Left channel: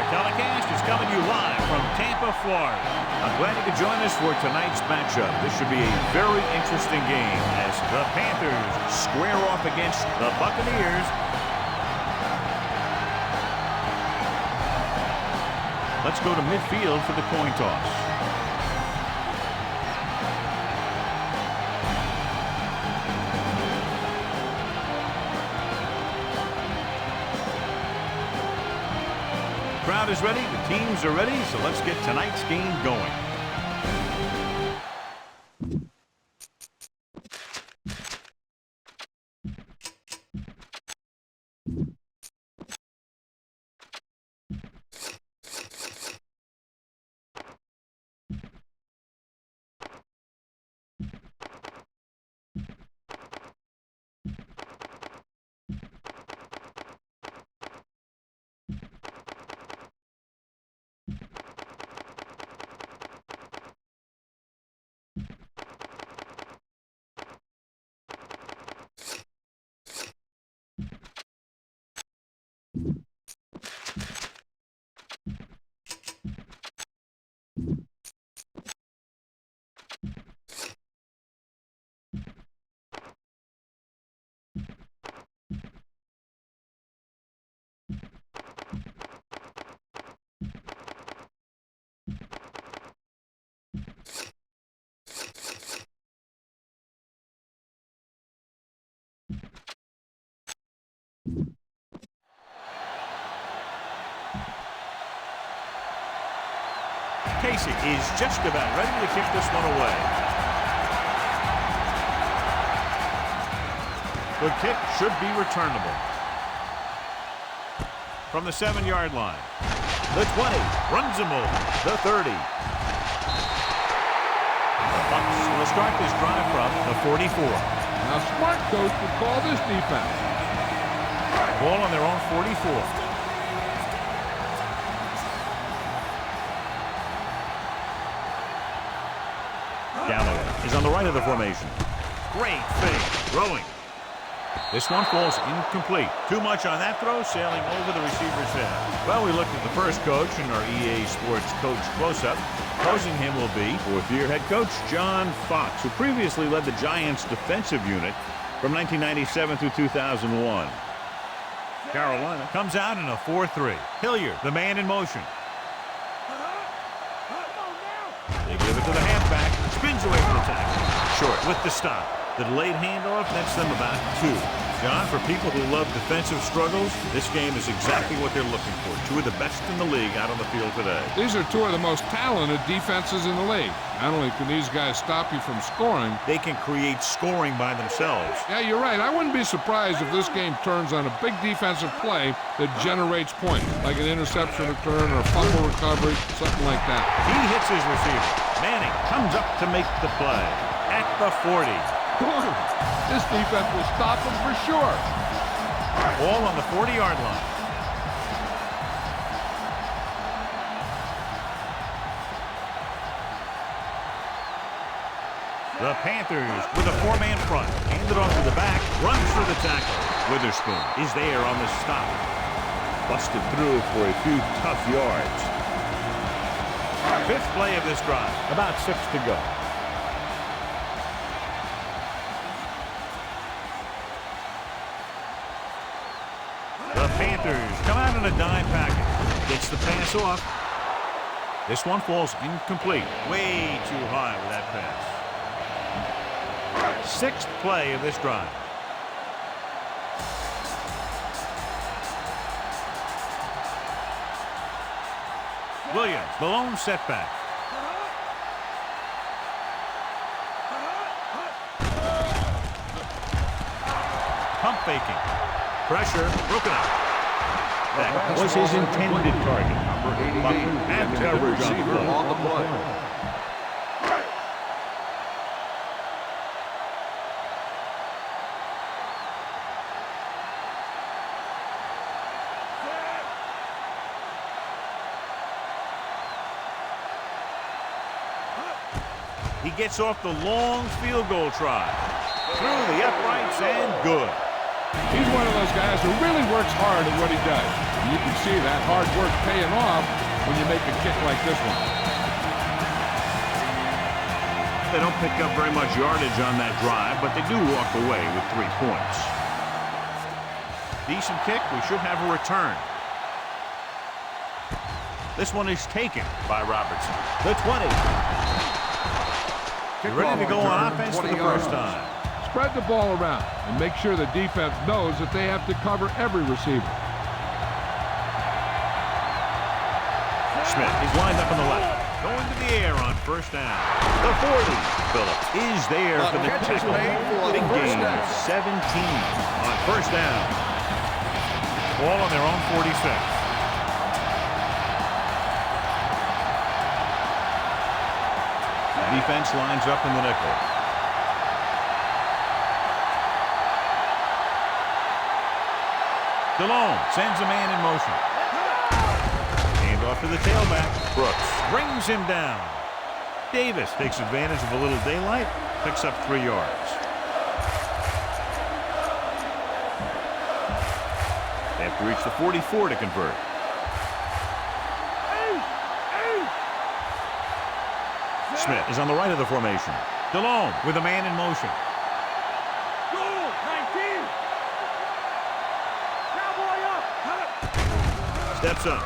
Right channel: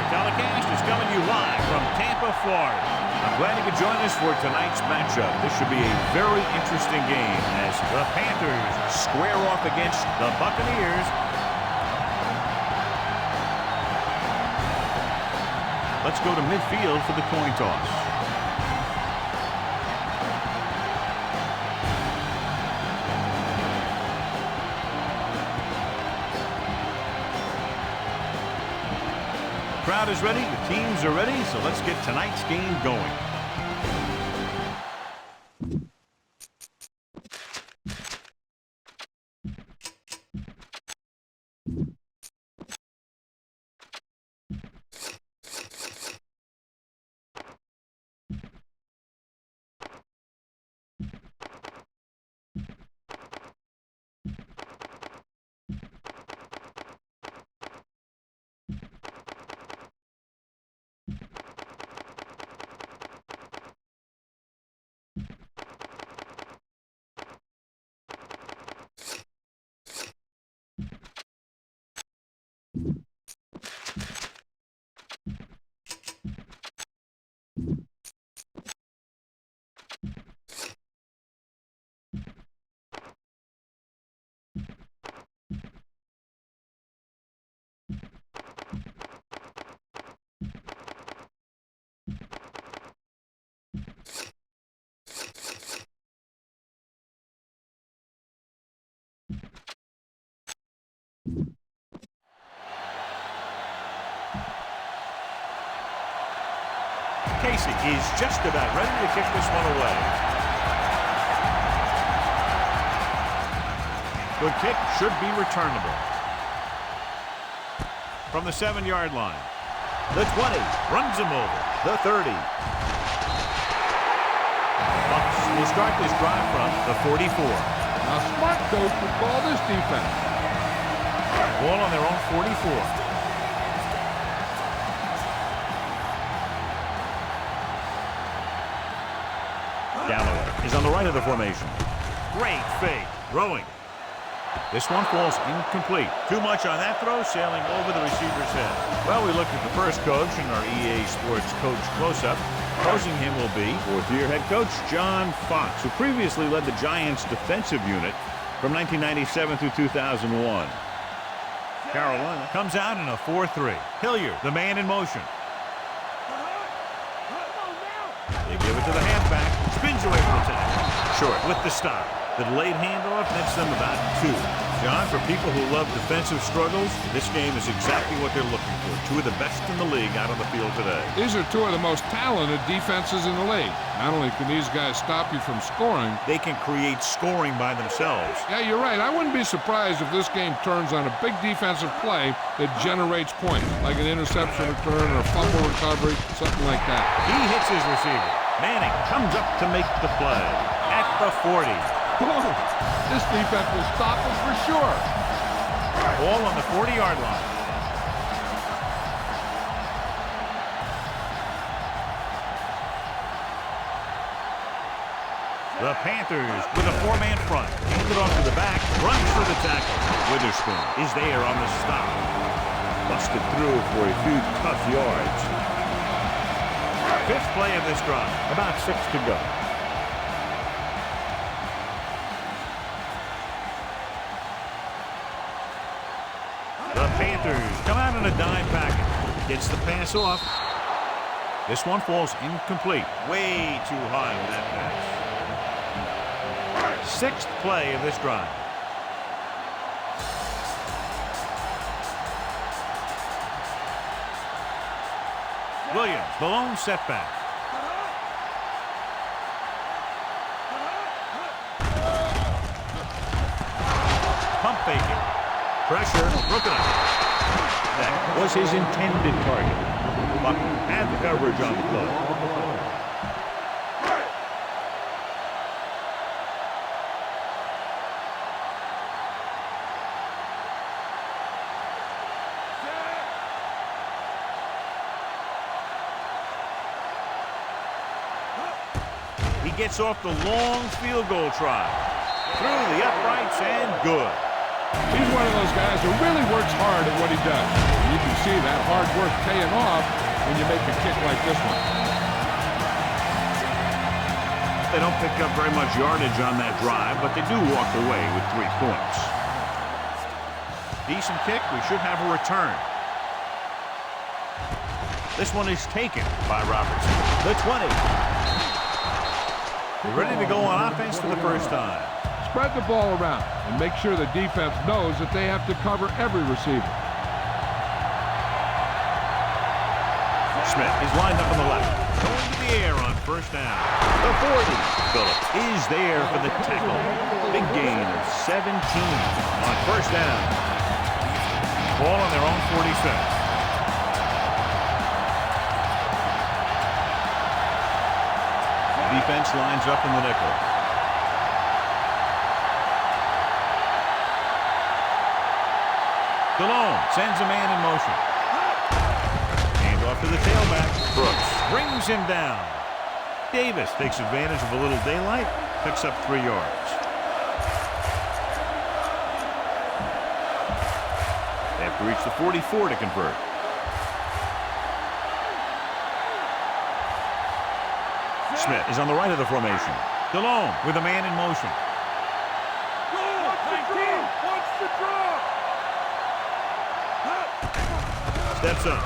Our telecast is coming to you live from Tampa, Florida. I'm glad you could join us for tonight's matchup. This should be a very interesting game as the Panthers square off against the Buccaneers. Let's go to midfield for the coin toss. The crowd is ready, the teams are ready, so let's get tonight's game going. Casey is just about ready to kick this one away. Good kick, should be returnable. From the 7-yard line. The 20, runs him over. The 30. The Bucs will start this drive from the 44. Now, smart coach would call this defense. Ball on their own 44. Galloway is on the right of the formation. Great fake. Throwing. This one falls incomplete. Too much on that throw, sailing over the receiver's head. Well, we looked at the first coach in our EA Sports Coach Close-Up. Opposing him will be fourth-year head coach John Fox, who previously led the Giants' defensive unit from 1997 through 2001. Carolina comes out in a 4-3. Hilliard, the man in motion. They give it to the halfback. Spins away from the tackle. Short with the stop. The delayed handoff nets them about 2. John, for people who love defensive struggles, this game is exactly what they're looking for. 2 of the best in the league out on the field today. These are 2 of the most talented defenses in the league. Not only can these guys stop you from scoring, they can create scoring by themselves. Yeah, you're right. I wouldn't be surprised if this game turns on a big defensive play that generates points, like an interception return or a fumble recovery, something like that. He hits his receiver. Manning comes up to make the play at the 40. Boom. This defense will stop him for sure. Ball on the 40-yard line. The Panthers with a 4-man front. Handed off to the back. Runs for the tackle. Witherspoon is there on the stop. Busted through for a few tough yards. 5th play of this drive. About 6 to go. The Panthers come out in a dime package. Gets the pass off. This one falls incomplete. Way too high with that pass. 6th play of this drive. Williams, the lone setback. Pump faking. Pressure broken up. That was his intended target. Buck had the coverage on the play. He gets off the long field goal try. Through the uprights and good. He's one of those guys who really works hard at what he does. And you can see that hard work paying off when you make a kick like this one. They don't pick up very much yardage on that drive, but they do walk away with 3 points. Decent kick. We should have a return. This one is taken by Robertson. The 20. They're ready to go on offense for the first time. Spread the ball around and make sure the defense knows that they have to cover every receiver. Smith is lined up on the left. Going to the air on first down. The 40. Phillips is there for the tackle. Big gain of 17 on first down. Ball on their own 46. The defense lines up in the nickel. Delhomme sends a man in motion. Hand off to the tailback. Brooks brings him down. Davis takes advantage of a little daylight. Picks up 3 yards. They have to reach the 44 to convert. Smith is on the right of the formation. Delhomme with a man in motion. Goal 19. Steps up.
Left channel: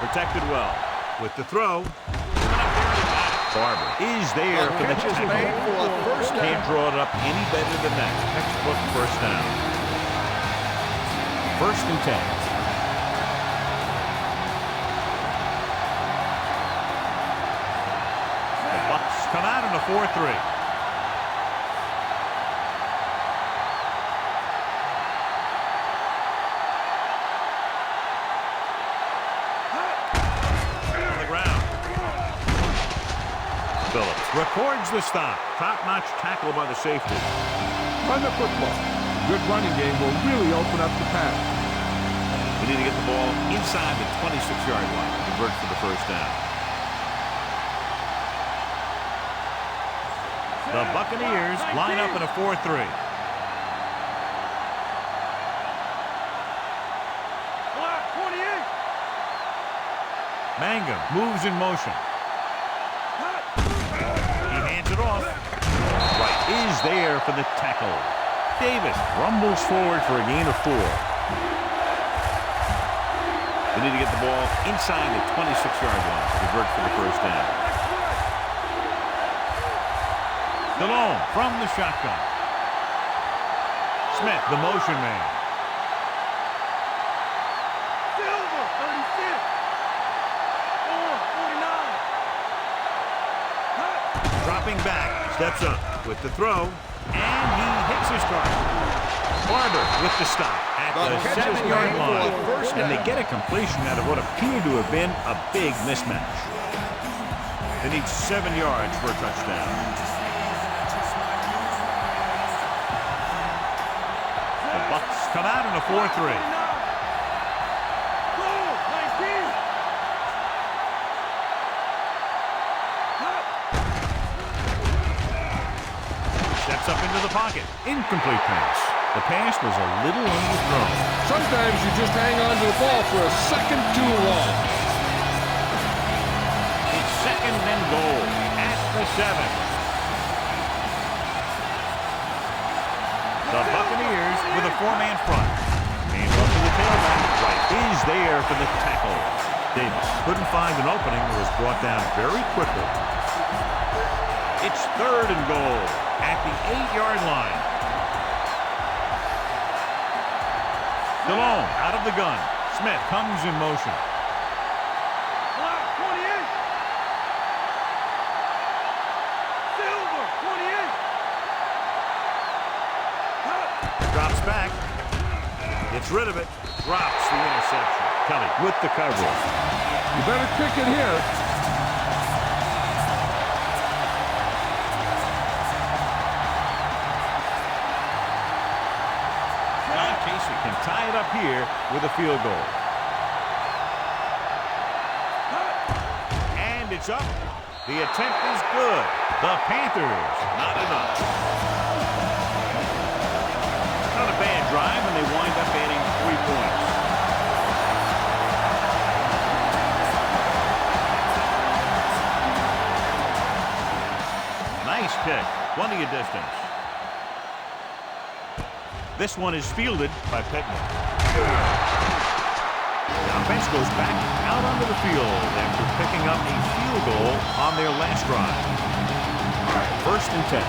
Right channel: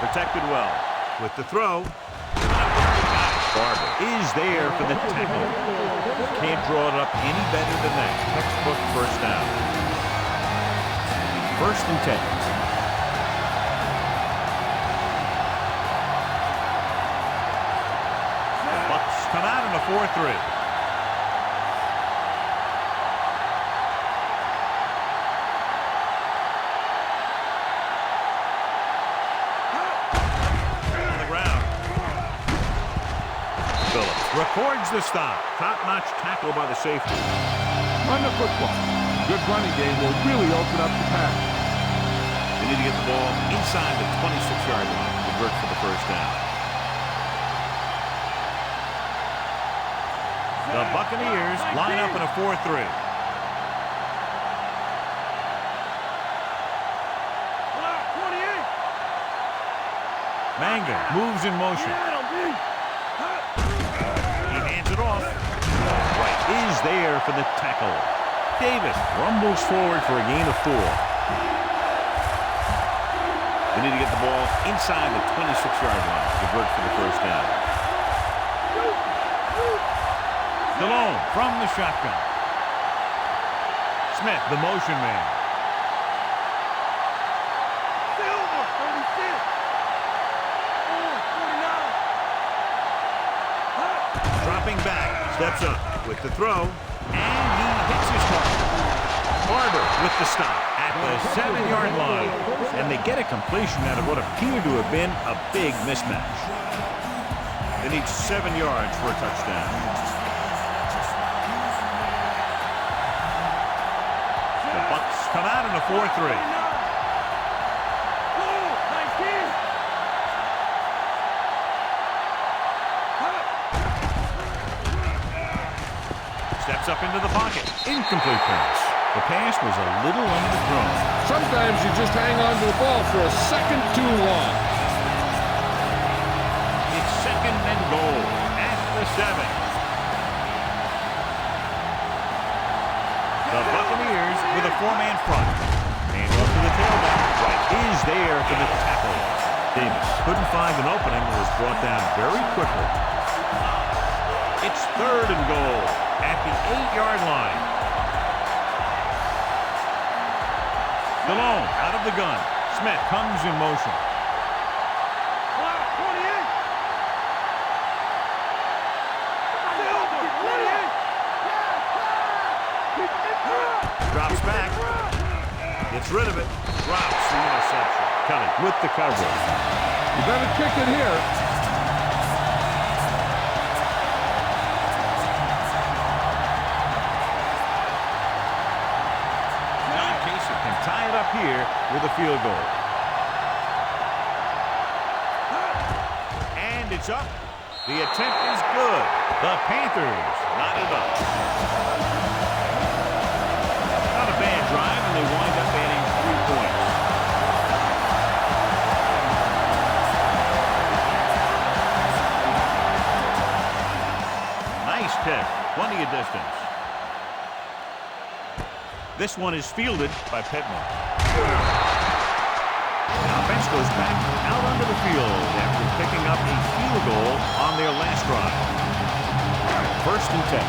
Protected well. With the throw. Barber is there for the tackle. Just can't draw it up any better than that. Textbook first down. 1st and 10. The Bucs come out in a 4-3. On the ground. Phillips records the stop. Top-notch tackle by the safety. Run the football. A good running game will really open up the pass. They need to get the ball inside the 26-yard line to convert for the first down. The Buccaneers line up in a 4-3. Mangum moves in motion. He hands it off. Wright is there for the tackle. Davis rumbles forward for a gain of 4. They need to get the ball inside the 26-yard line to convert for the first down. Delhomme from the shotgun. Smith, the motion man. Silver 36. 49. Dropping back, steps up with the throw, and he hits his target. Barber with the stop at the 7-yard line, and they get a completion out of what appeared to have been a big mismatch. They need 7 yards for a touchdown. The Bucs come out in a 4-3. Goal 19. Steps up into the pocket. Incomplete pass. The pass was a little underthrown. Sometimes you just hang on to the ball for a second too long. It's 2nd and goal at the 7. The Buccaneers with a 4-man front. Hands off to the tailback. Wright is there for the tackle. Davis couldn't find an opening and was brought down very quickly. It's 3rd and goal at the 8-yard line. Delhomme out of the gun. Smith comes in motion. Black 28. Silver 28. Drops back. Gets rid of it. Drops the interception. Kelly with the coverage. You better kick it here. Casey can tie it up here with a field goal. And it's up. The attempt is good. The Panthers, not enough. Not a bad drive, and they wind up adding 3 points. Nice pick. Plenty of distance. This one is fielded by Pittman. The offense goes back out onto the field after picking up a field goal on their last drive. 1st and 10.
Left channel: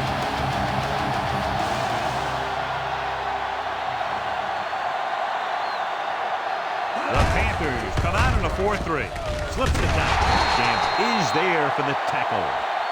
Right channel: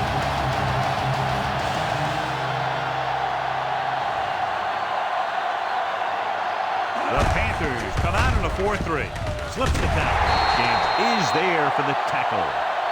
The Panthers come out in a 4-3. Slips the tackle. Gamble is there for the tackle.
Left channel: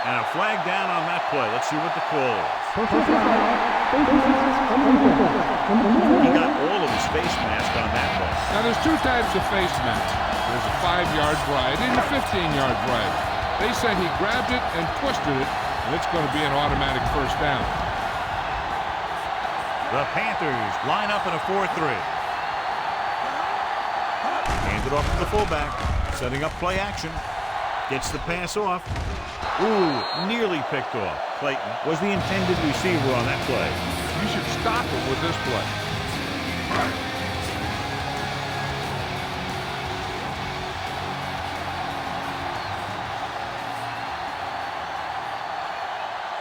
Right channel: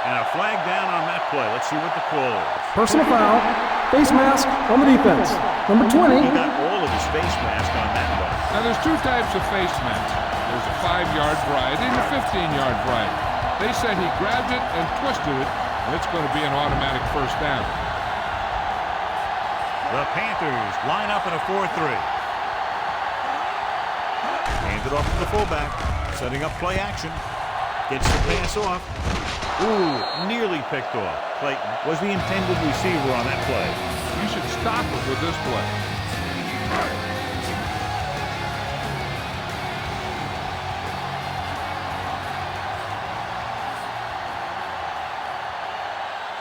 And a flag down on that play. Let's see what the call is. Personal foul. Face mask on the defense. Number 20. He got all of his face mask on that one. Now, there's two types of face masks. There's a 5-yard variety and a 15-yard variety. They said he grabbed it and twisted it, and it's going to be an automatic 1st down. The Panthers line up in a 4-3. Hand it off to the fullback. Setting up play action. Gets the pass off. Ooh, nearly picked off. Clayton was the intended receiver on that play. You should stop him with this play.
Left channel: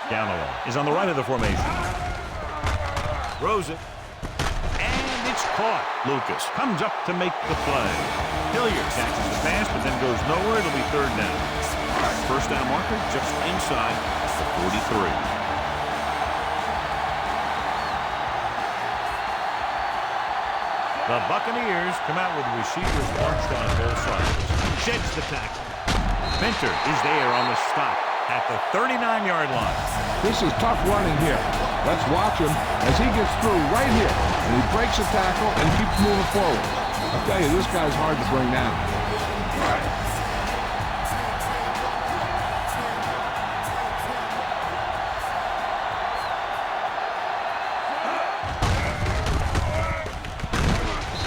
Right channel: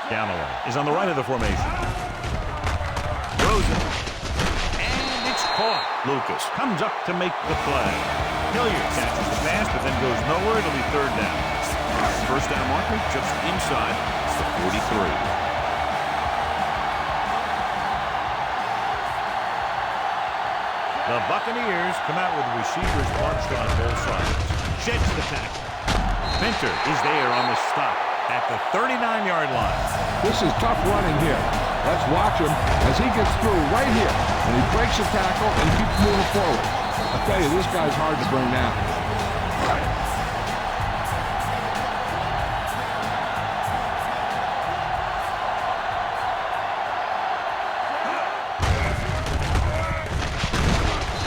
Galloway is on the right of the formation. Throws it. And it's caught. Lucas comes up to make the play. Hilliard catches the pass, but then goes nowhere. It'll be 3rd down. 1st down marker just inside the 43. The Buccaneers come out with receivers bunched on both sides. Sheds the tackle. Minter is there on the stop at the 39-yard line. This is tough running here. Let's watch him as he gets through right here. And he breaks the tackle and keeps moving forward. I'll tell you, this guy's hard to bring down.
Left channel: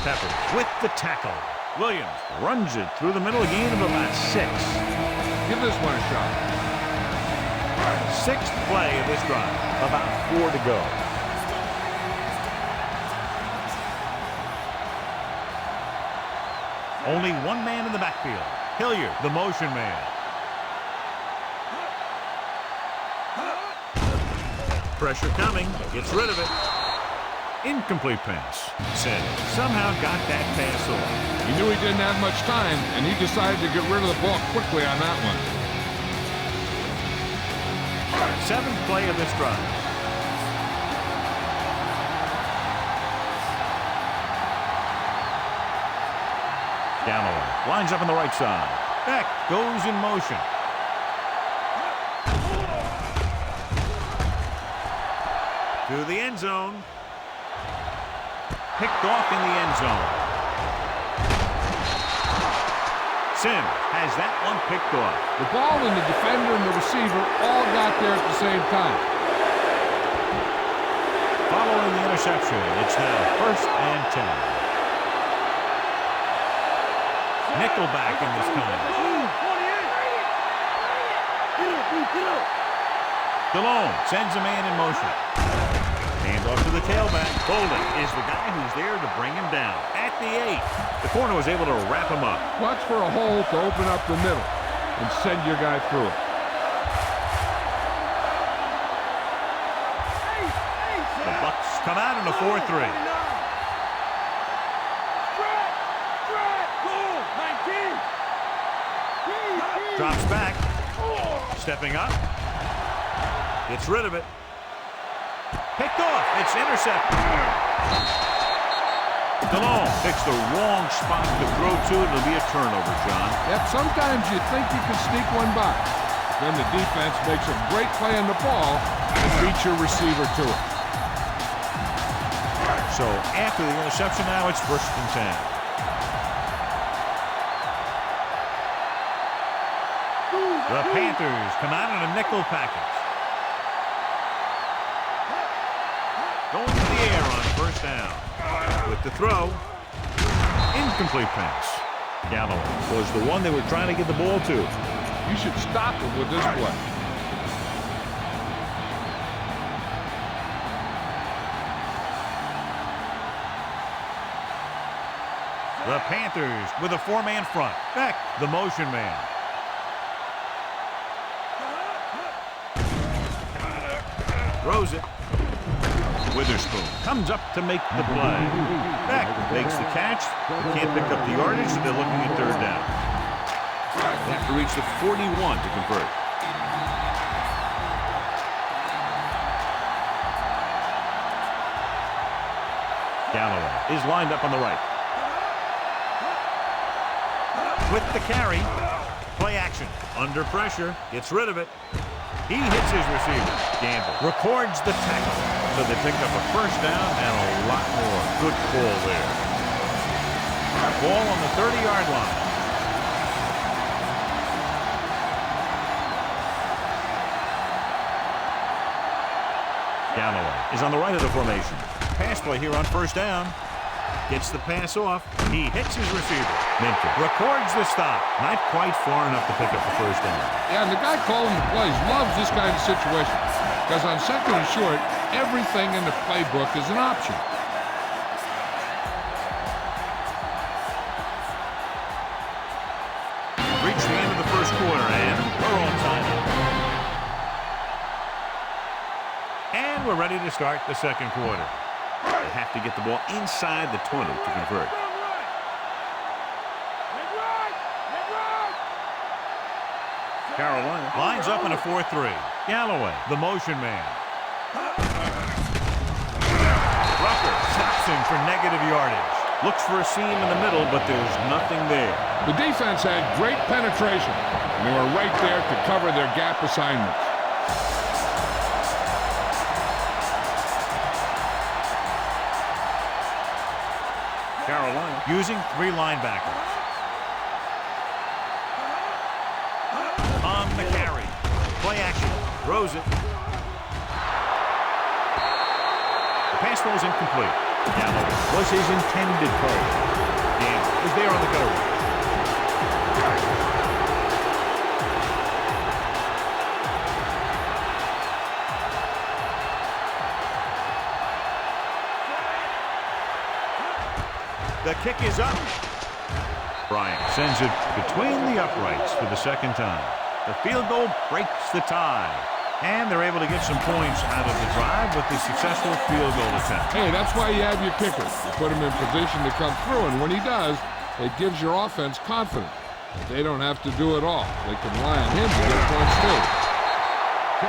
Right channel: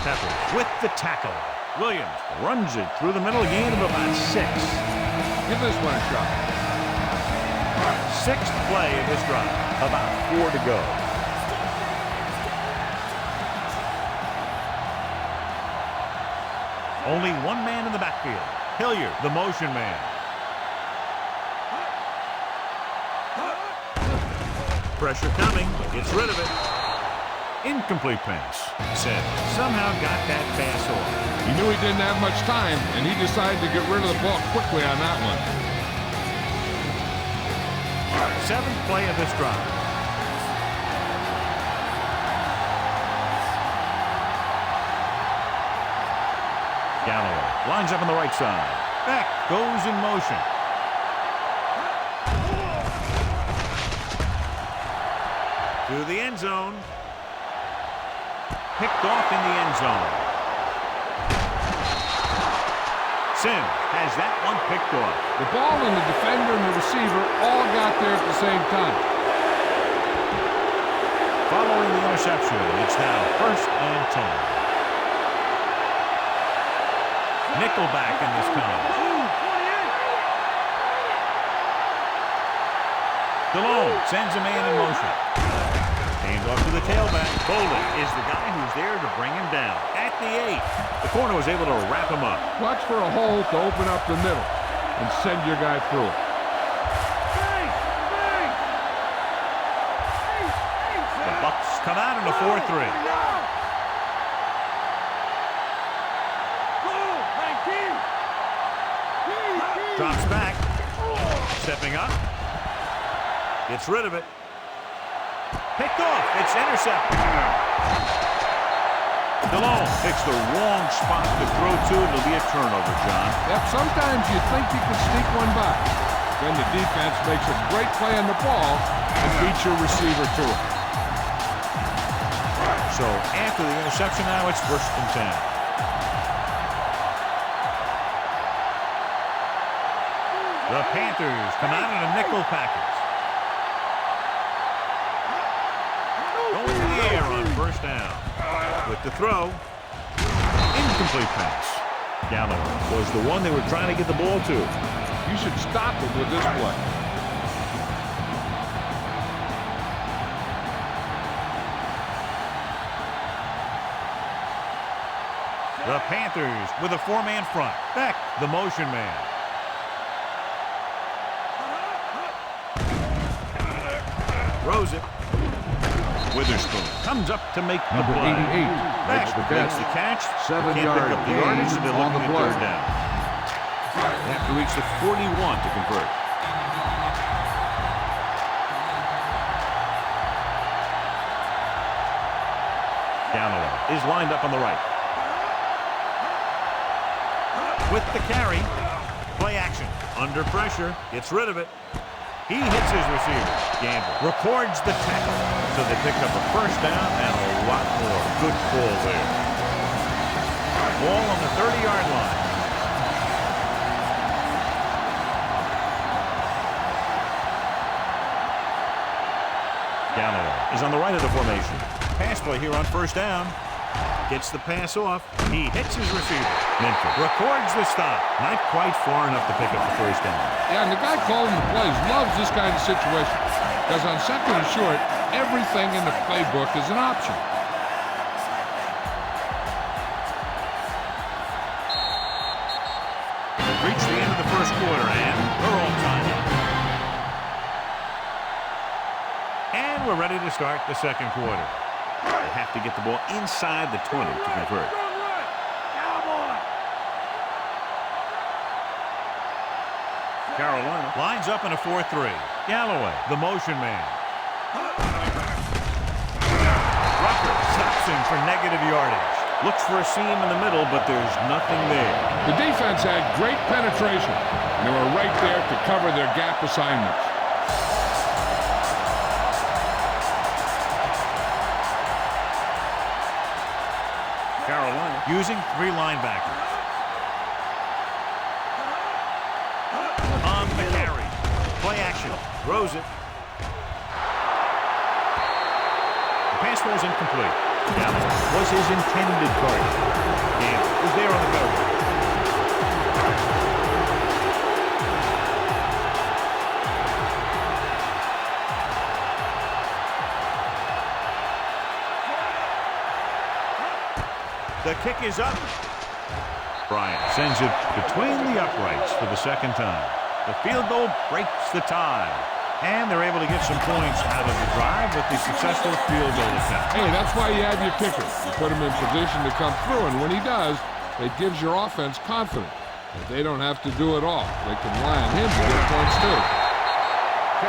Peppers with the tackle. Williams runs it through the middle, a gain of about 6. Give this one a shot. 6th play of this drive. About 4 to go. Only one man in the backfield. Hilliard, the motion man. Pressure coming. Gets rid of it. Incomplete pass. Sims somehow got that pass off. He knew he didn't have much time, and he decided to get rid of the ball quickly on that one. 7th play of this drive. Galloway lines up on the right side. Beck goes in motion. To the end zone. Picked off in the end zone. Sims has that one picked off. The ball and the defender and the receiver all got there at the same time. Following the interception, it's now 1st and 10. Nickelback in this time. DeLone sends a man in motion. Hand off to the tailback. Bolden is the guy who's there to bring him down. At the 8, the corner was able to wrap him up. Watch for a hole to open up the middle and send your guy through it. The Bucs come out in a 4-3. Drops back. Stepping up. Gets rid of it. Picked off. It's intercepted. DeLone picks the wrong spot to throw to. It'll be a turnover, John. Yep, sometimes you think you can sneak one by. Then the defense makes a great play on the ball and beats your receiver to it. So after the interception now, it's 1st and 10. The Panthers come out in a nickel package. Going to the air on 1st down. With the throw. Incomplete pass. Galloway was the one they were trying to get the ball to. You should stop him with this play. The Panthers with a 4-man front. Beck, the motion man. Throws it. Witherspoon comes up to make the play. Beck makes the catch. They can't pick up the yardage, so they're looking at third down. They have to reach the 41 to convert. Galloway is lined up on the right. With the carry. Play action. Under pressure. Gets rid of it. He hits his receiver. Gamble records the tackle. So they pick up a first down and a lot more. Good call there. Ball on the 30-yard line. Galloway is on the right of the formation. Pass play here on first down. Gets the pass off. He hits his receiver. Minter records the stop. Not quite far enough to pick up the first down. Yeah, and the guy calling the plays loves this kind of situation because on second and short, everything in the playbook is an option. We've reached the end of the first quarter, and we're all tied up. And we're ready to start the second quarter. They have to get the ball inside the 20 to convert. Carolina lines up in a 4-3. Galloway, the motion man. Rucker stops him for negative yardage. Looks for a seam in the middle, but there's nothing there. The defense had great penetration, and they were right there to cover their gap assignments. Carolina using 3 linebackers. On the carry. Play action. Throws it. The pass falls incomplete. Galloway was his intended target. Gamble was there on the cutaway. The kick is up. Bryant sends it between the uprights for the second time. The field goal breaks the tie. And they're able to get some points out of the drive with the successful field goal attempt. Hey, that's why you have your kicker. You put him in position to come through, and when he does, it gives your offense confidence that they don't have to do it all. They can rely on him to get points too.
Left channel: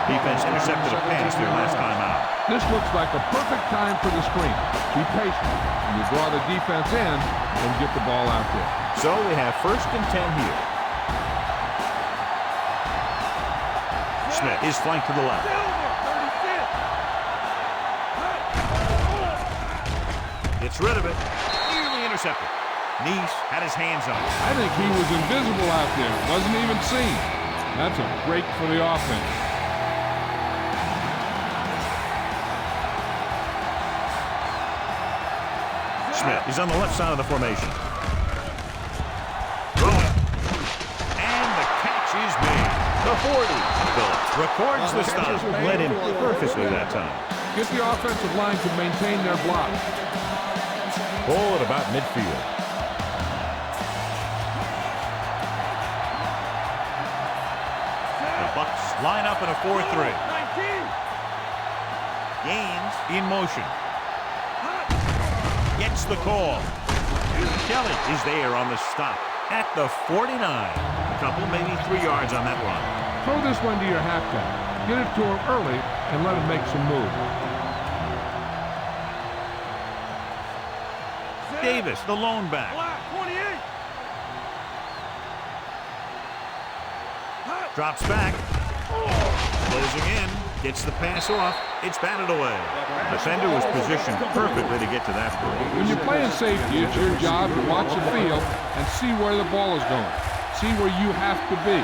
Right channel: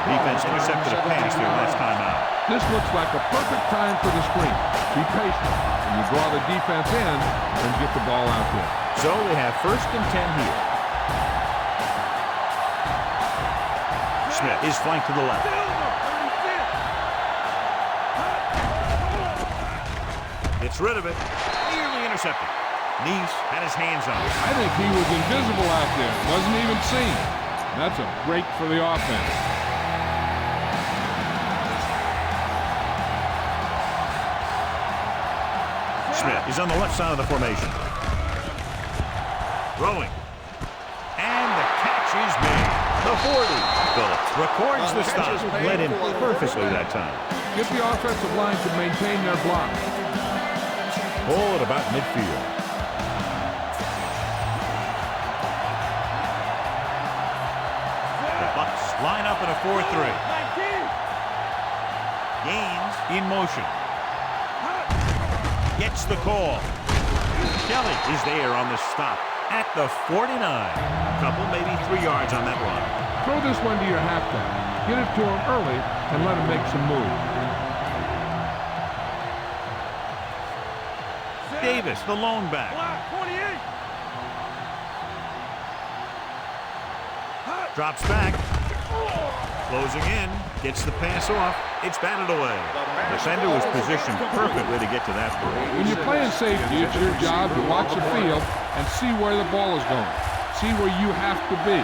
Defense intercepted a pass their last time out. This looks like a perfect time for the screen. Be patient, and you draw the defense in and get the ball out there. So they have 1st and 10 here. Smith is flanked to the left. Gets rid of it. Nearly intercepted. Neese had his hands on it. I think he was invisible out there. Wasn't even seen. And that's a break for the offense. Smith is on the left side of the formation. Throwing. And the catch is made. The 40. Phillips records the stop. Led him perfectly that time. Get the offensive line to maintain their block. Ball at about midfield. The Bucs line up in a 4-3. 19. Gaines in motion. Gets the call. Kelly is there on the stop at the 49. A couple, maybe 3 yards on that run. Throw this one to your halfback. Get it to him early and let him make some moves. Davis, the lone back. 28. Drops back. Closing in. Gets the pass off. It's batted away. The defender was positioned perfectly to get to that point. When you're playing safety, it's your job to watch the field and see where the ball is going. See where you have to be.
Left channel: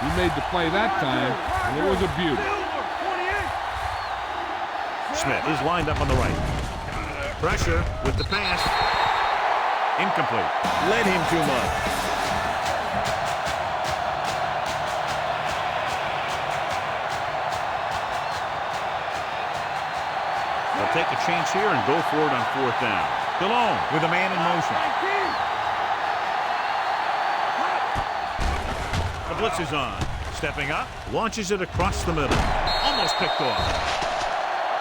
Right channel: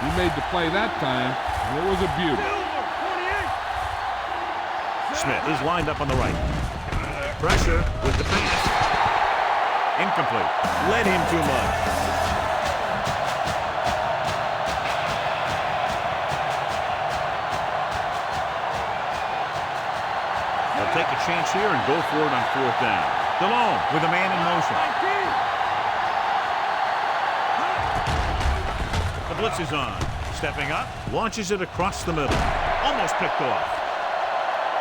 He made the play that time, and it was a beauty. Smith is lined up on the right. Pressure with the pass. Incomplete. Led him too much. They'll take a chance here and go for it on 4th down. DeLone with a man in motion. The blitz is on. Stepping up, launches it across the middle. Almost picked off.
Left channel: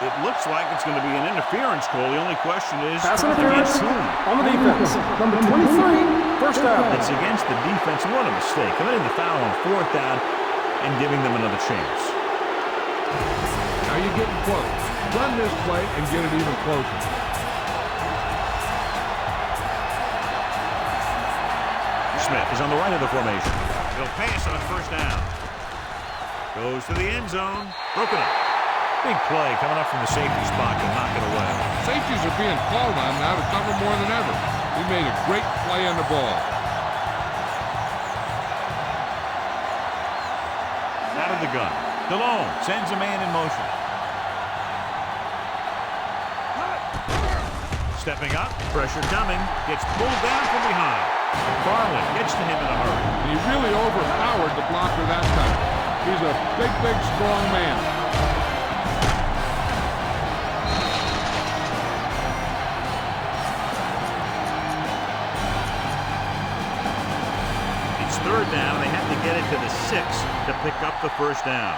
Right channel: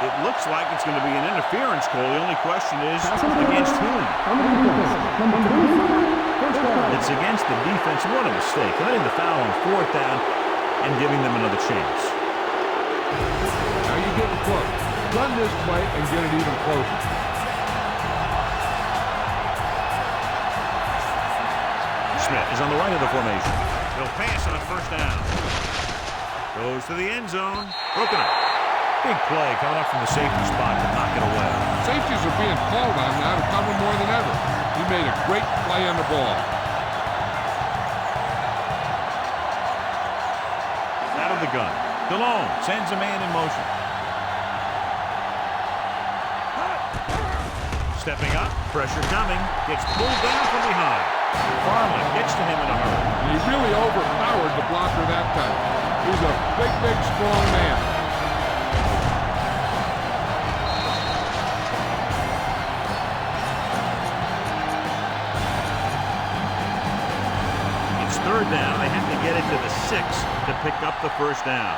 It looks like it's going to be an interference call. The only question is, Pass interference against whom? on the defense. Number 23, first down. It's against the defense. What a mistake. Committing the foul on 4th down and giving them another chance. Now you're getting close. Run this play and get it even closer. Smith is on the right of the formation. He'll pass on 1st down. Goes to the end zone. Broken up. Big play coming up from the safety spot to knock it away. Safeties are being called on now to cover more than ever. He made a great play on the ball. Out of the gun. DeLone sends a man in motion. Stepping up. Pressure coming. Gets pulled down from behind. Farland gets to him in a hurry. And he really overpowered the blocker that time. He's a big, big, strong man. It's 3rd down. They have to get it to the 6 to pick up the 1st down.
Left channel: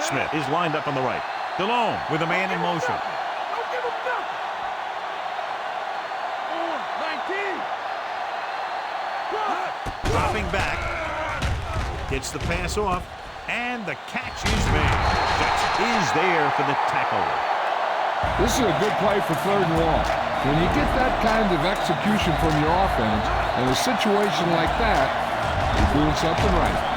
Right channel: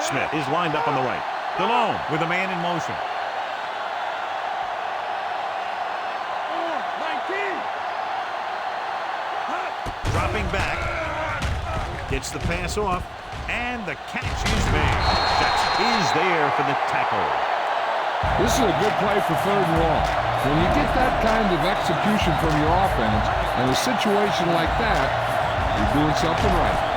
Smith is lined up on the right. DeLone with a man in motion. 19. Dropping back. Gets the pass off. And the catch is made. Jackson is there for the tackle. This is a good play for 3rd and long. When you get that kind of execution from your offense in a situation like that, you're doing something right.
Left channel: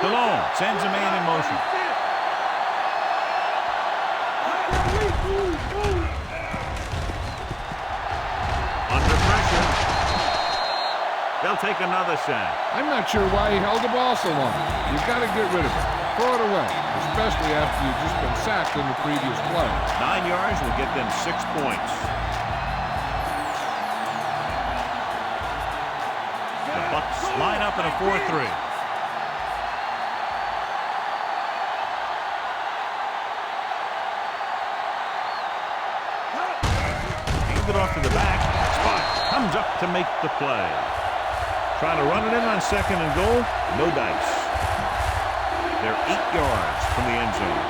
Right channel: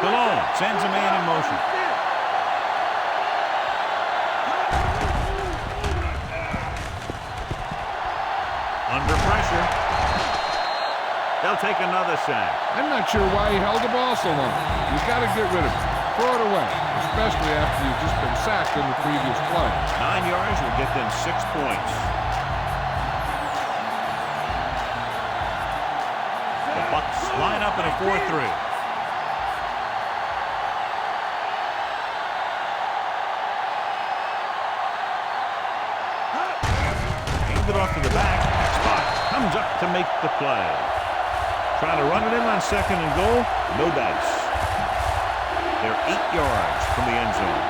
DeLone sends a man in motion. Under pressure. They'll take another sack. I'm not sure why he held the ball so long. You've got to get rid of it. Throw it away, especially after you've just been sacked in the previous play. 9 yards will get them 6 points. The Bucs line up in a 4-3. Handed off to the back. Spot comes up to make the play. Trying to run it in on 2nd and goal. No dice. They're 8 yards from the end zone.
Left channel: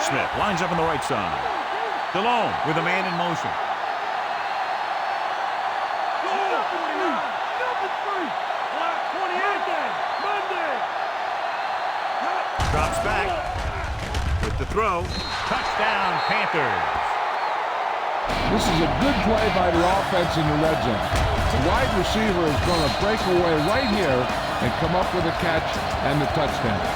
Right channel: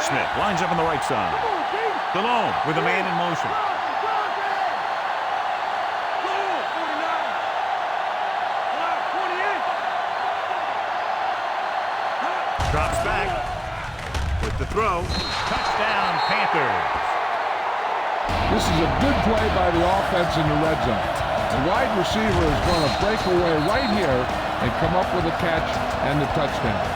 Smith lines up on the right side. DeLone with a man in motion. Drops back with the throw. Touchdown, Panthers. This is a good play by the offense in the red zone. The wide receiver is going to break away right here and come up with a catch and the touchdown.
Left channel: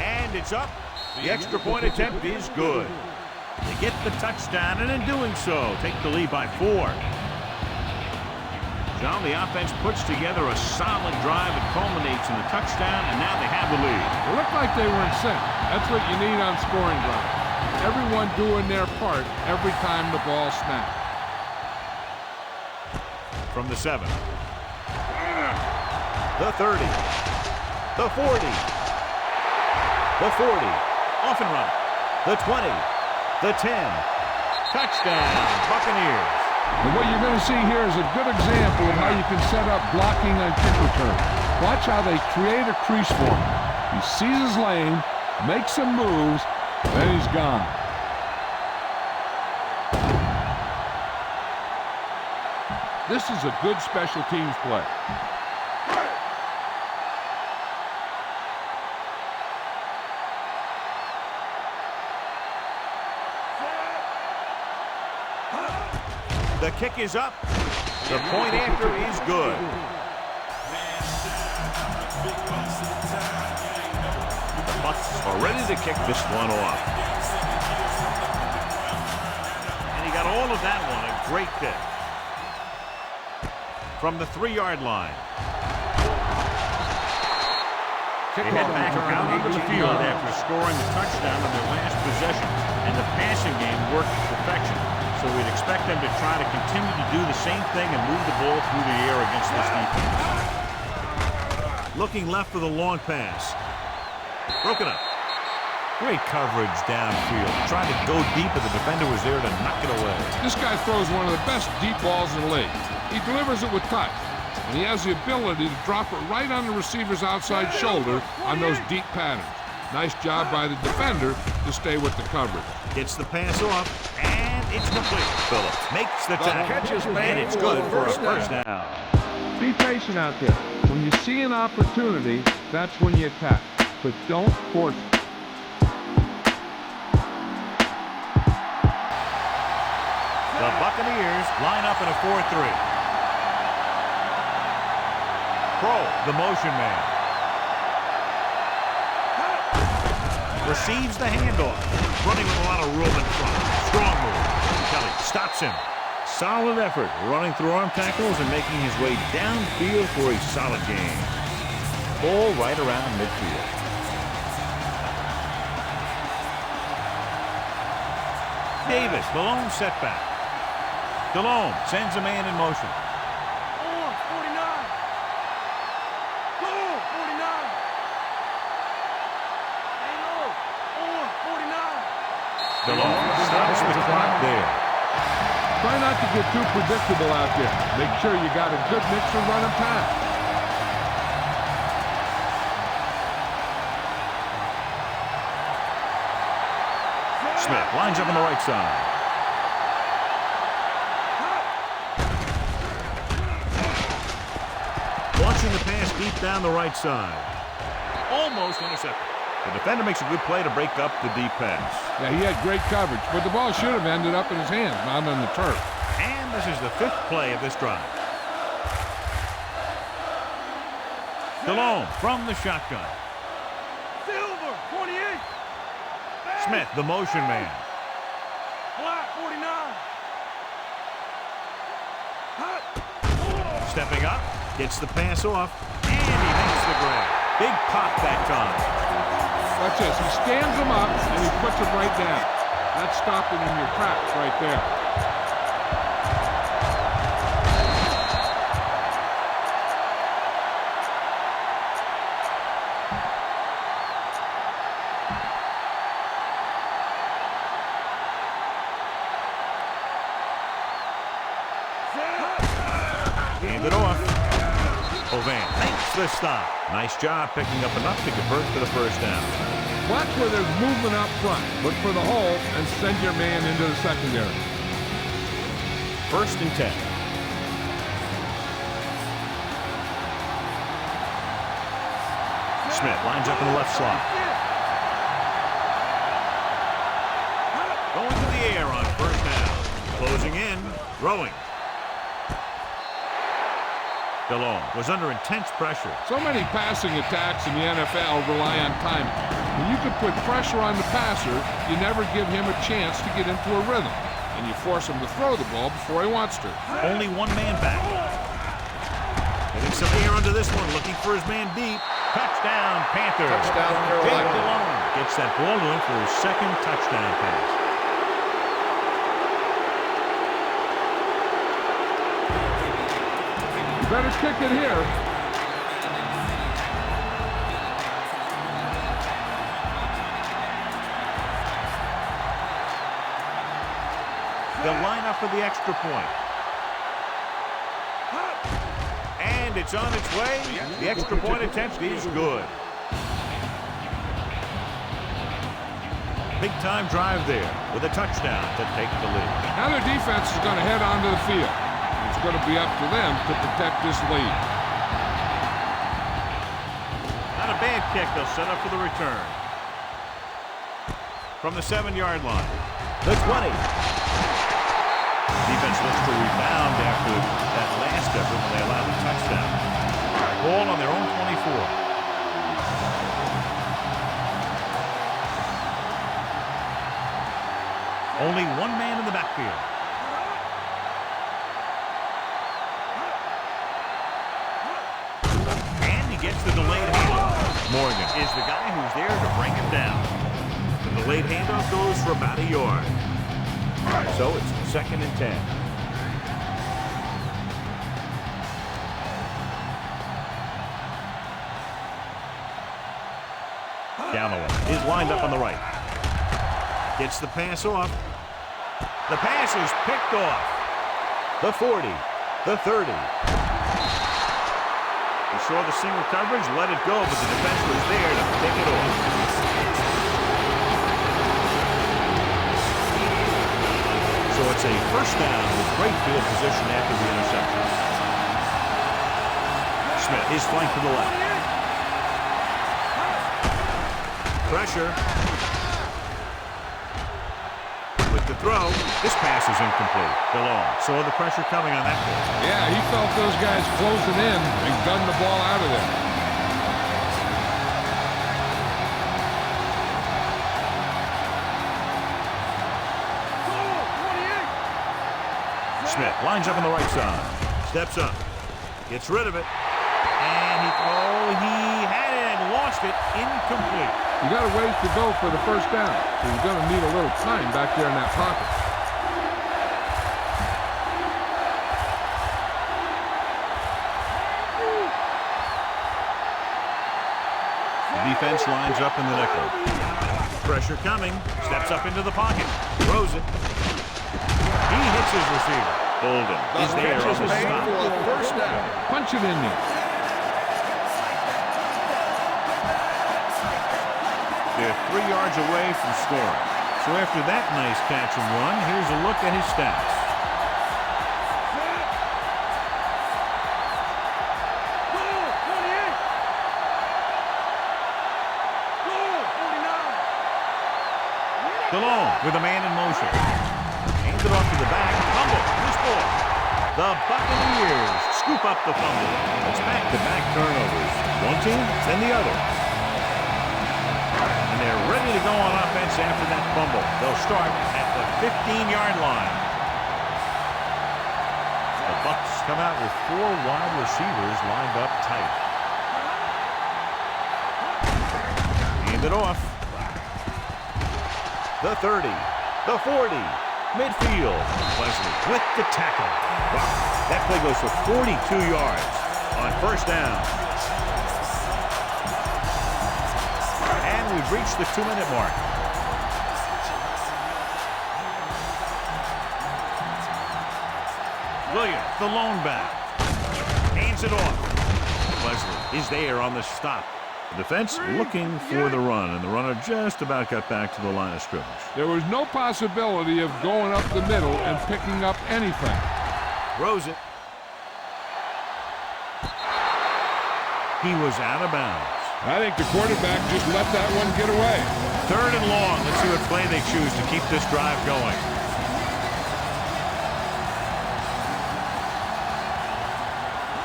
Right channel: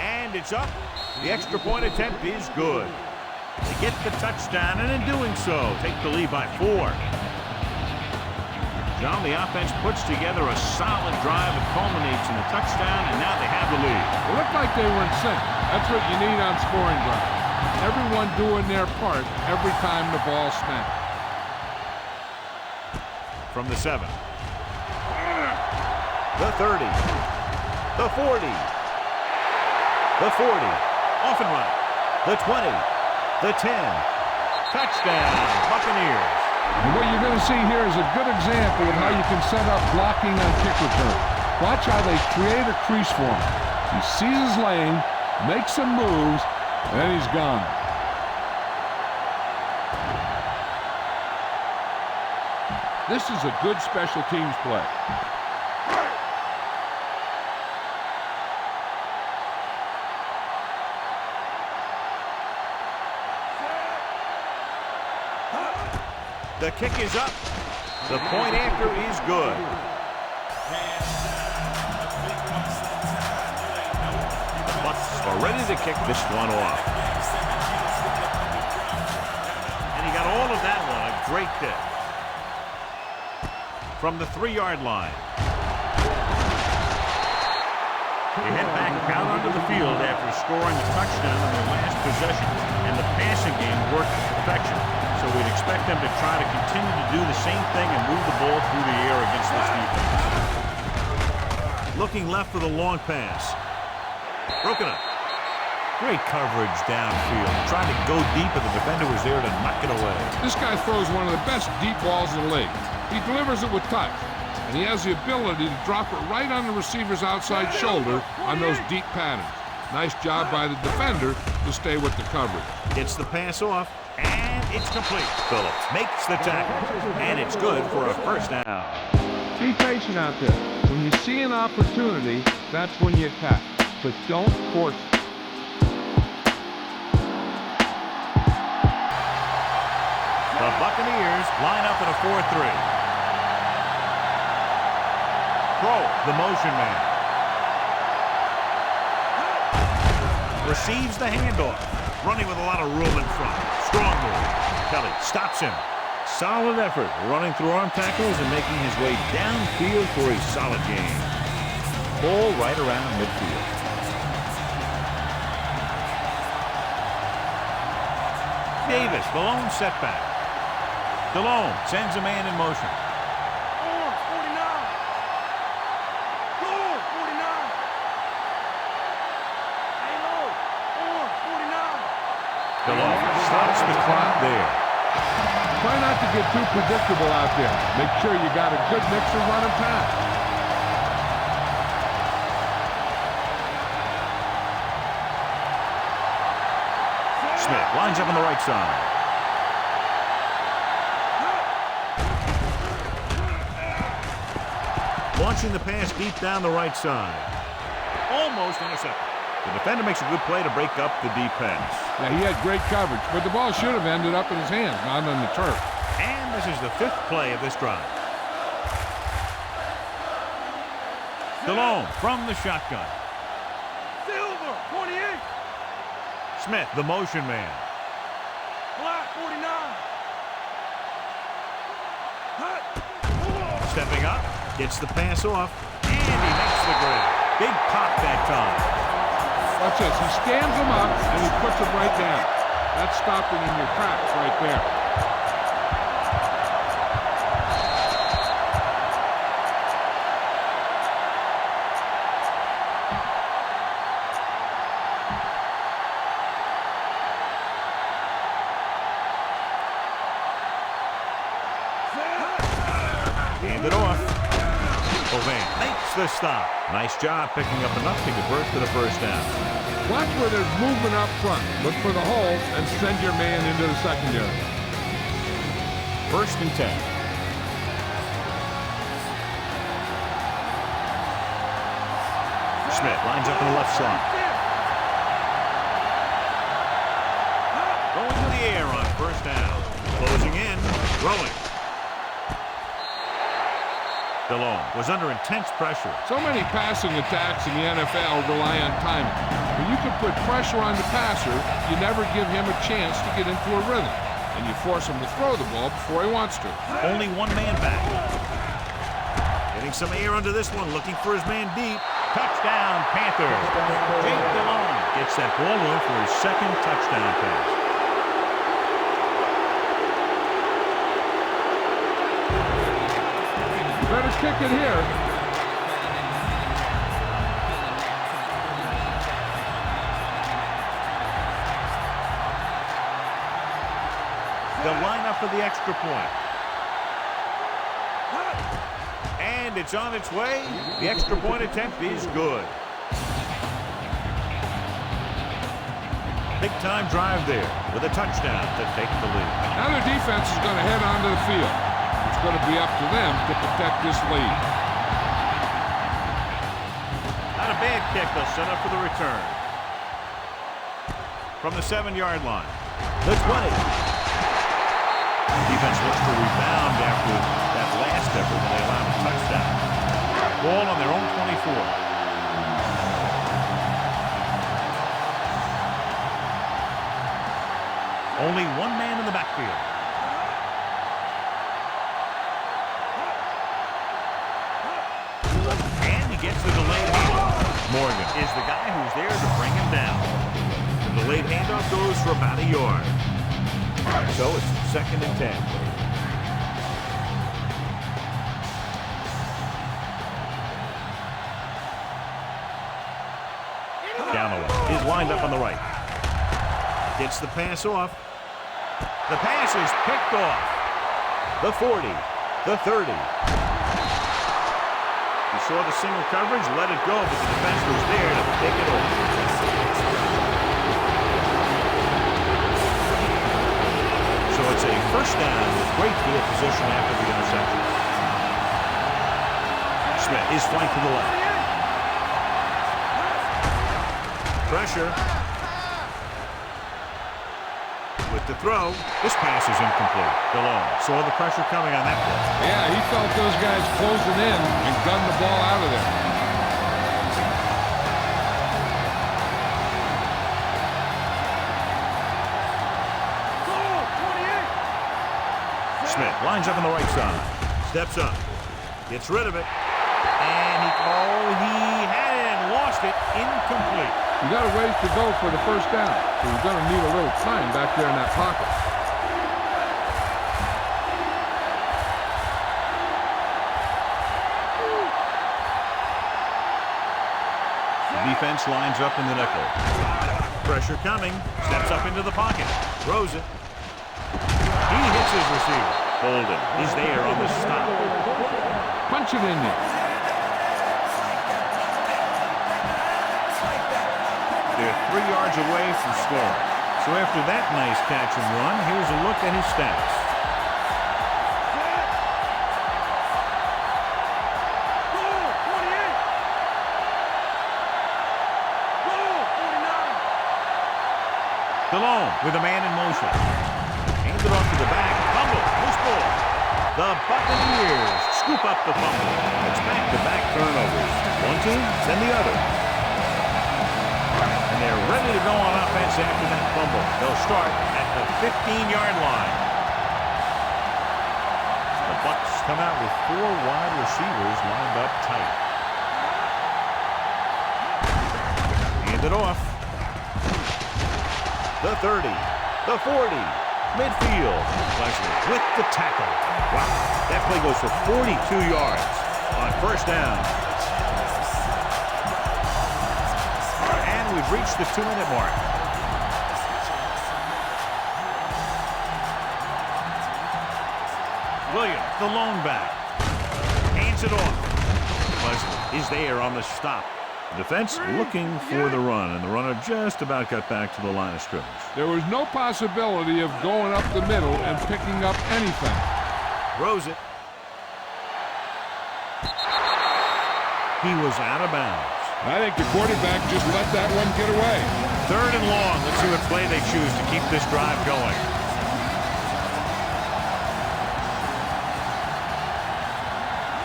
And it's up. The extra point attempt is good. They get the touchdown, and in doing so, take the lead by 4. John, the offense puts together a solid drive. It culminates in the touchdown, and now they have the lead. It looked like they were in sync. That's what you need on scoring drive. Everyone doing their part every time the ball snapped. From the 7. The 30. The 40. The 40. Off and running. The 20. The 10. Touchdown, Buccaneers. And what you're going to see here is a good example of how you can set up blocking on kick return. Watch how they create a crease for him. He sees his lane, makes some moves, and then he's gone. This is a good special teams play. The kick is up. The point after is good. The Bucs are ready to kick this one off. And he got all of that one. A great kick. From the 3-yard line. They head back out onto the field after scoring a touchdown on their last possession, and the passing game worked to perfection. So we'd expect them to try to continue to do the same thing and move the ball through the air against this defense. Looking left for the long pass. Broken up. Great coverage downfield. He tried to go deep, but the defender was there to knock it away. This guy throws one of the best deep balls in the league. He delivers it with touch, and he has the ability to drop it right on the receiver's outside shoulder on those deep patterns. Nice job by the defender to stay with the coverage. Gets the pass off, and it's complete. Phillips makes the tackle, and it's good for a first down. Be patient out there. When you see an opportunity, that's when you attack. But don't force it. The Buccaneers line up in a 4-3. Pro, the motion man. Receives the handoff. Running with a lot of room in front. Strong move. Kelly stops him. Solid effort running through arm tackles and making his way downfield for a solid gain. Ball right around midfield. Davis, the lone setback. DeLone sends a man in motion. Orange, 49. Goal, 49. Stay low. Orange, 49. DeLone stops the clock there. Try not to get too predictable out there. Make sure you got a good mix of run and pass. Smith lines up on the right side. Launching the pass deep down the right side. Almost intercepted. The defender makes a good play to break up the deep pass. Yeah, he had great coverage, but the ball should have ended up in his hands, not on the turf. And this is the 5th play of this drive. DeLone from the shotgun. Silver, 28. Smith, the motion man. Black, 49. Hot. Stepping up, gets the pass off, and he makes the grab. Big pop that time. Watch this. He stands him up, and he puts him right down. That's stopping in your tracks right there. Hand it off. Ovan makes the stop. Nice job picking up enough to convert for the first down. Watch where there's movement up front. Look for the hole and send your man into the secondary. 1st and 10. Smith lines up in the left slot. Going to the air on 1st down. Closing in, throwing. DeLone was under intense pressure. So many passing attacks in the NFL rely on timing. When you can put pressure on the passer, you never give him a chance to get into a rhythm, and you force him to throw the ball before he wants to. Only one man back. Getting some air under this one, looking for his man deep. Touchdown, Panthers. Jake DeLone gets that ball to him for his 2nd touchdown pass. Better kick it here. They'll line up for the extra point. And it's on its way. The extra point attempt is good. Big time drive there with a touchdown to take the lead. Now their defense is going to head onto the field. It's going to be up to them to protect this lead. Not a bad kick. They'll set up for the return. From the 7-yard line. The 20. The defense looks to rebound after that last effort when they allowed a touchdown. Ball on their own 24. Only one man in the backfield. And he gets the delayed handoff. Morgan is the guy who's there to bring him down. The delayed handoff goes for about a yard. So it's 2nd and 10. Galloway is lined up on the right. Gets the pass off. The pass is picked off. The 40, the 30. He saw the single coverage, let it go, but the defense was there to pick it off. So it's a first down with great field position after the interception. Smith is flanked to the left. Pressure. With the throw, this pass is incomplete. DeLong saw the pressure coming on that play. Yeah, he felt those guys closing in and gunned the ball out of there. Smith lines up on the right side. Steps up. Gets rid of it. And he had it and lost it. Incomplete. You got a ways to go for the first down, so you're going to need a little time back there in that pocket. The defense lines up in the nickel. Pressure coming. Steps up into the pocket. Throws it. He hits his receiver. Bolden is there on the stop. Punch it in there. They're 3 yards away from scoring. So after that nice catch and run, here's a look at his stats. Goal, 28. Goal, 49. DeLong with a man in motion. Hands it off to the back. Fumble. Loose ball. The Buccaneers scoop up the fumble. It's back-to-back turnovers. One team, then the other. And they're ready to go on offense after that fumble. They'll start at the 15-yard line. The Bucs come out with 4 wide receivers lined up tight. Hand it off. The 30, the 40, midfield. Wesley with the tackle. Wow, that play goes for 42 yards on first down. And we've reached the 2-minute mark. Williams, the lone back. Hands it off. Wesley is there on the stop. The defense looking for the run, and the runner just about got back to the line of scrimmage. There was no possibility of going up the middle and picking up anything. Throws it. He was out of bounds. I think the quarterback just let that one get away. 3rd and long. Let's see what play they choose to keep this drive going.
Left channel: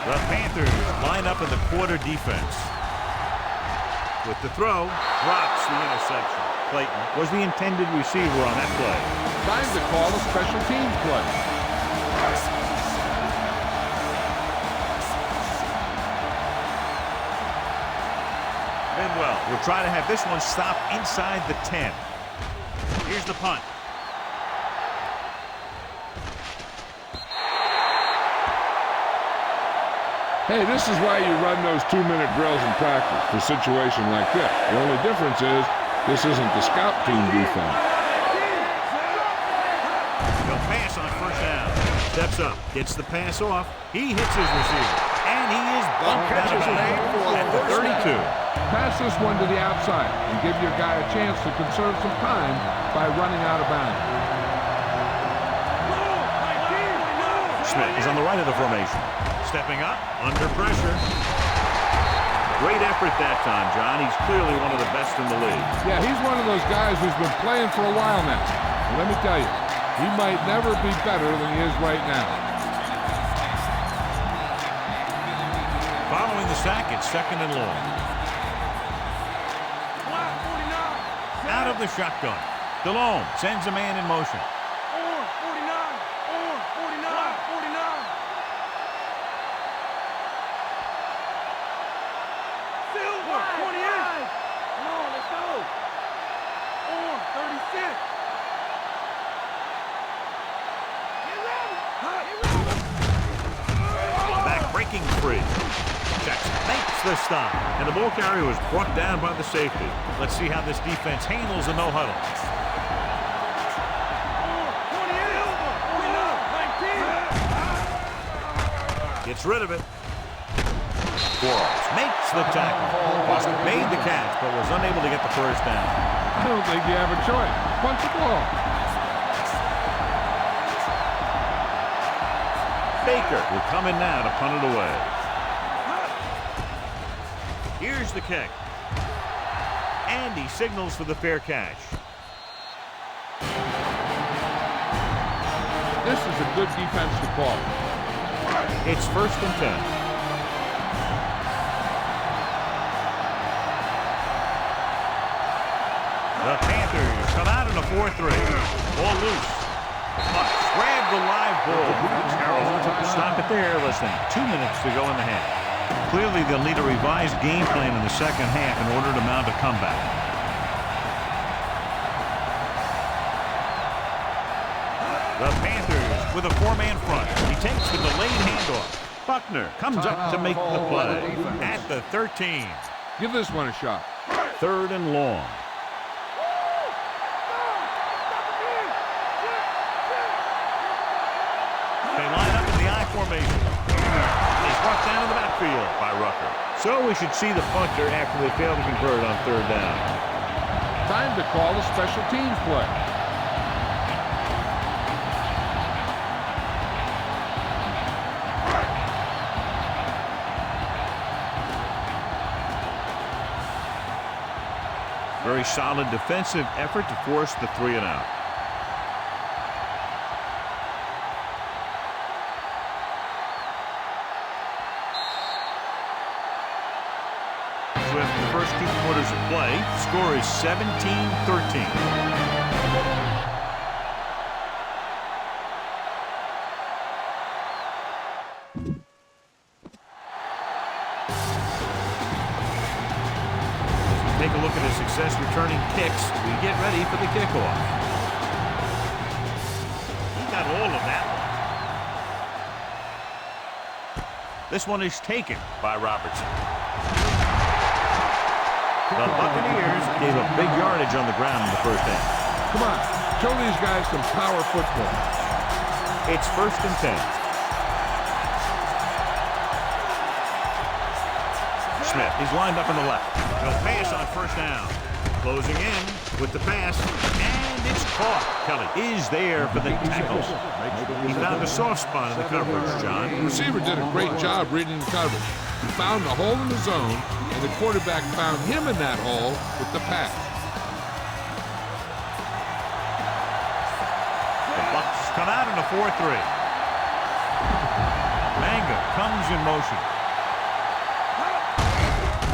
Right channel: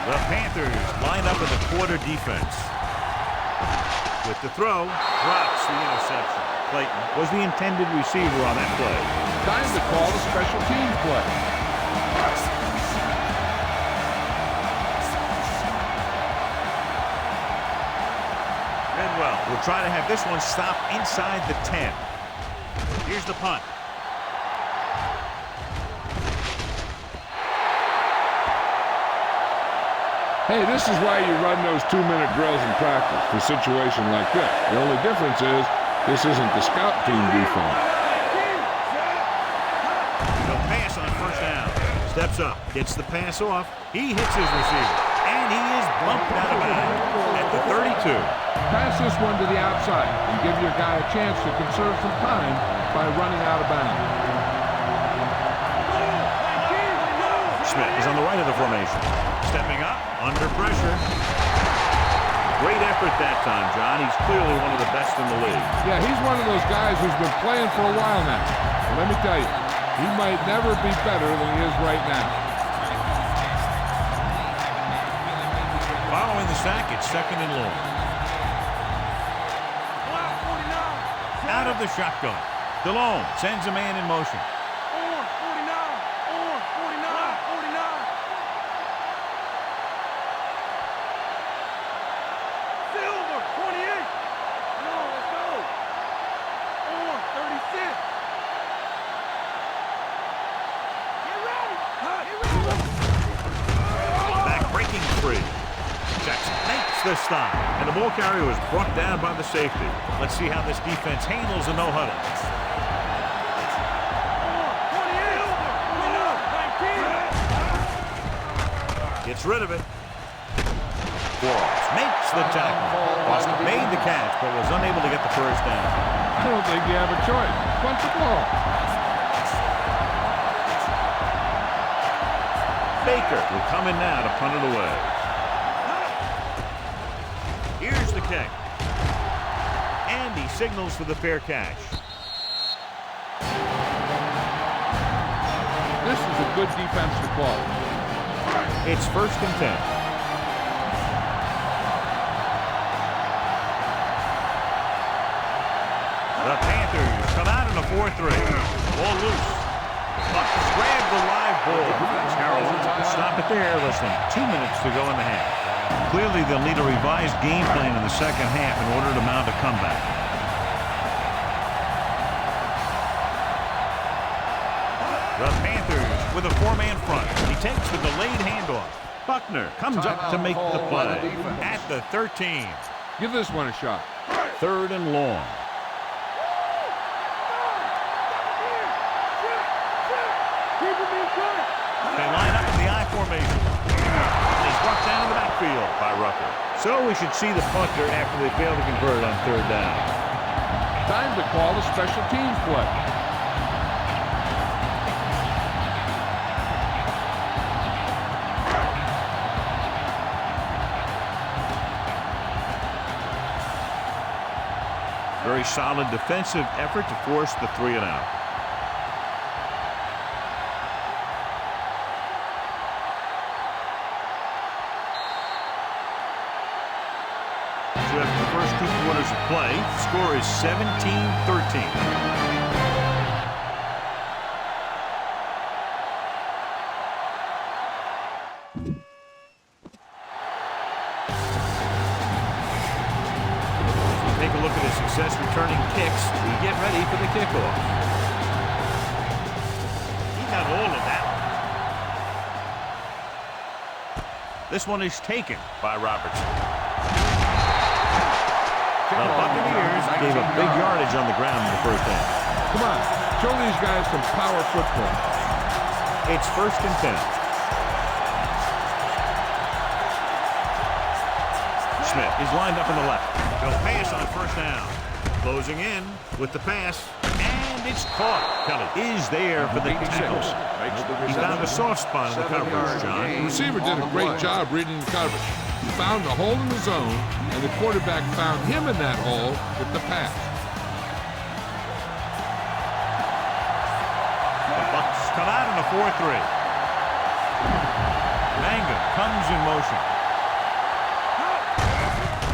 The Panthers line up in the quarter defense. With the throw, drops the interception. Clayton was the intended receiver on that play. Time to call a special teams play. Bidwell will try to have this one stop inside the 10. Here's the punt. Hey, this is why you run those 2-minute drills in practice for a situation like this. The only difference is this isn't the scout team defense. He'll pass on first down. Steps up, gets the pass off. He hits his receiver, and he is bumped out of bounds at the 32. Pass this one to the outside and give your guy a chance to conserve some time by running out of bounds. Smith is on the right of the formation. Stepping up, under pressure. Great effort that time, John. He's clearly one of the best in the league. Yeah, he's one of those guys who's been playing for a while now. And let me tell you, he might never be better than he is right now. Following the sack, it's 2nd and long. Out of the shotgun. DeLong sends a man in motion. Orange, 49. Orange, 49. 49. Orange, 28. Come on, let's go. Orange, 36. Get ready. Get ready. Back breaking free. Jackson makes the stop, and the ball carrier was brought down by the safety. Let's see how this defense handles a no-huddle. Gets rid of it. Quarles makes the tackle. Boston made the catch, but was unable to get the first down. I don't think you have a choice. Punt the ball. Baker will come in now to punt it away. Here's the kick. And he signals for the fair catch. This is a good defense to call. It's 1st and 10. The Panthers come out in a 4-3. Ball loose. The Bucs grab the live ball. Carroll stop it there. Less than 2 minutes to go in the half. Clearly, they'll need a revised game plan in the second half in order to mount a comeback. The Panthers with a 4-man front. He takes the delayed handoff. Buckner comes up to make the play at the 13. Give this one a shot. 3rd and long. They line up in the I formation. And he's brought down in the backfield by Rucker. So we should see the punter after they fail to convert on 3rd down. Time to call a special teams play. Very solid defensive effort to force the 3-and-out. So after the first 2 quarters of play, the score is 17-13. Take a look at his success returning kicks. We get ready for the kickoff. He got all of that one. This one is taken by Robertson. The Buccaneers gave a big yardage on the ground in the first half. Come on, show these guys some power football. It's 1st and 10. Smith is lined up on the left. They'll pass on 1st down. Closing in with the pass, and it's caught. Kelly is there for the tackle. He found a soft spot in the coverage, John. The receiver did a great job reading the coverage. He found a hole in the zone, and the quarterback found him in that hole with the pass. The Bucs come out in a 4-3. Manga comes in motion.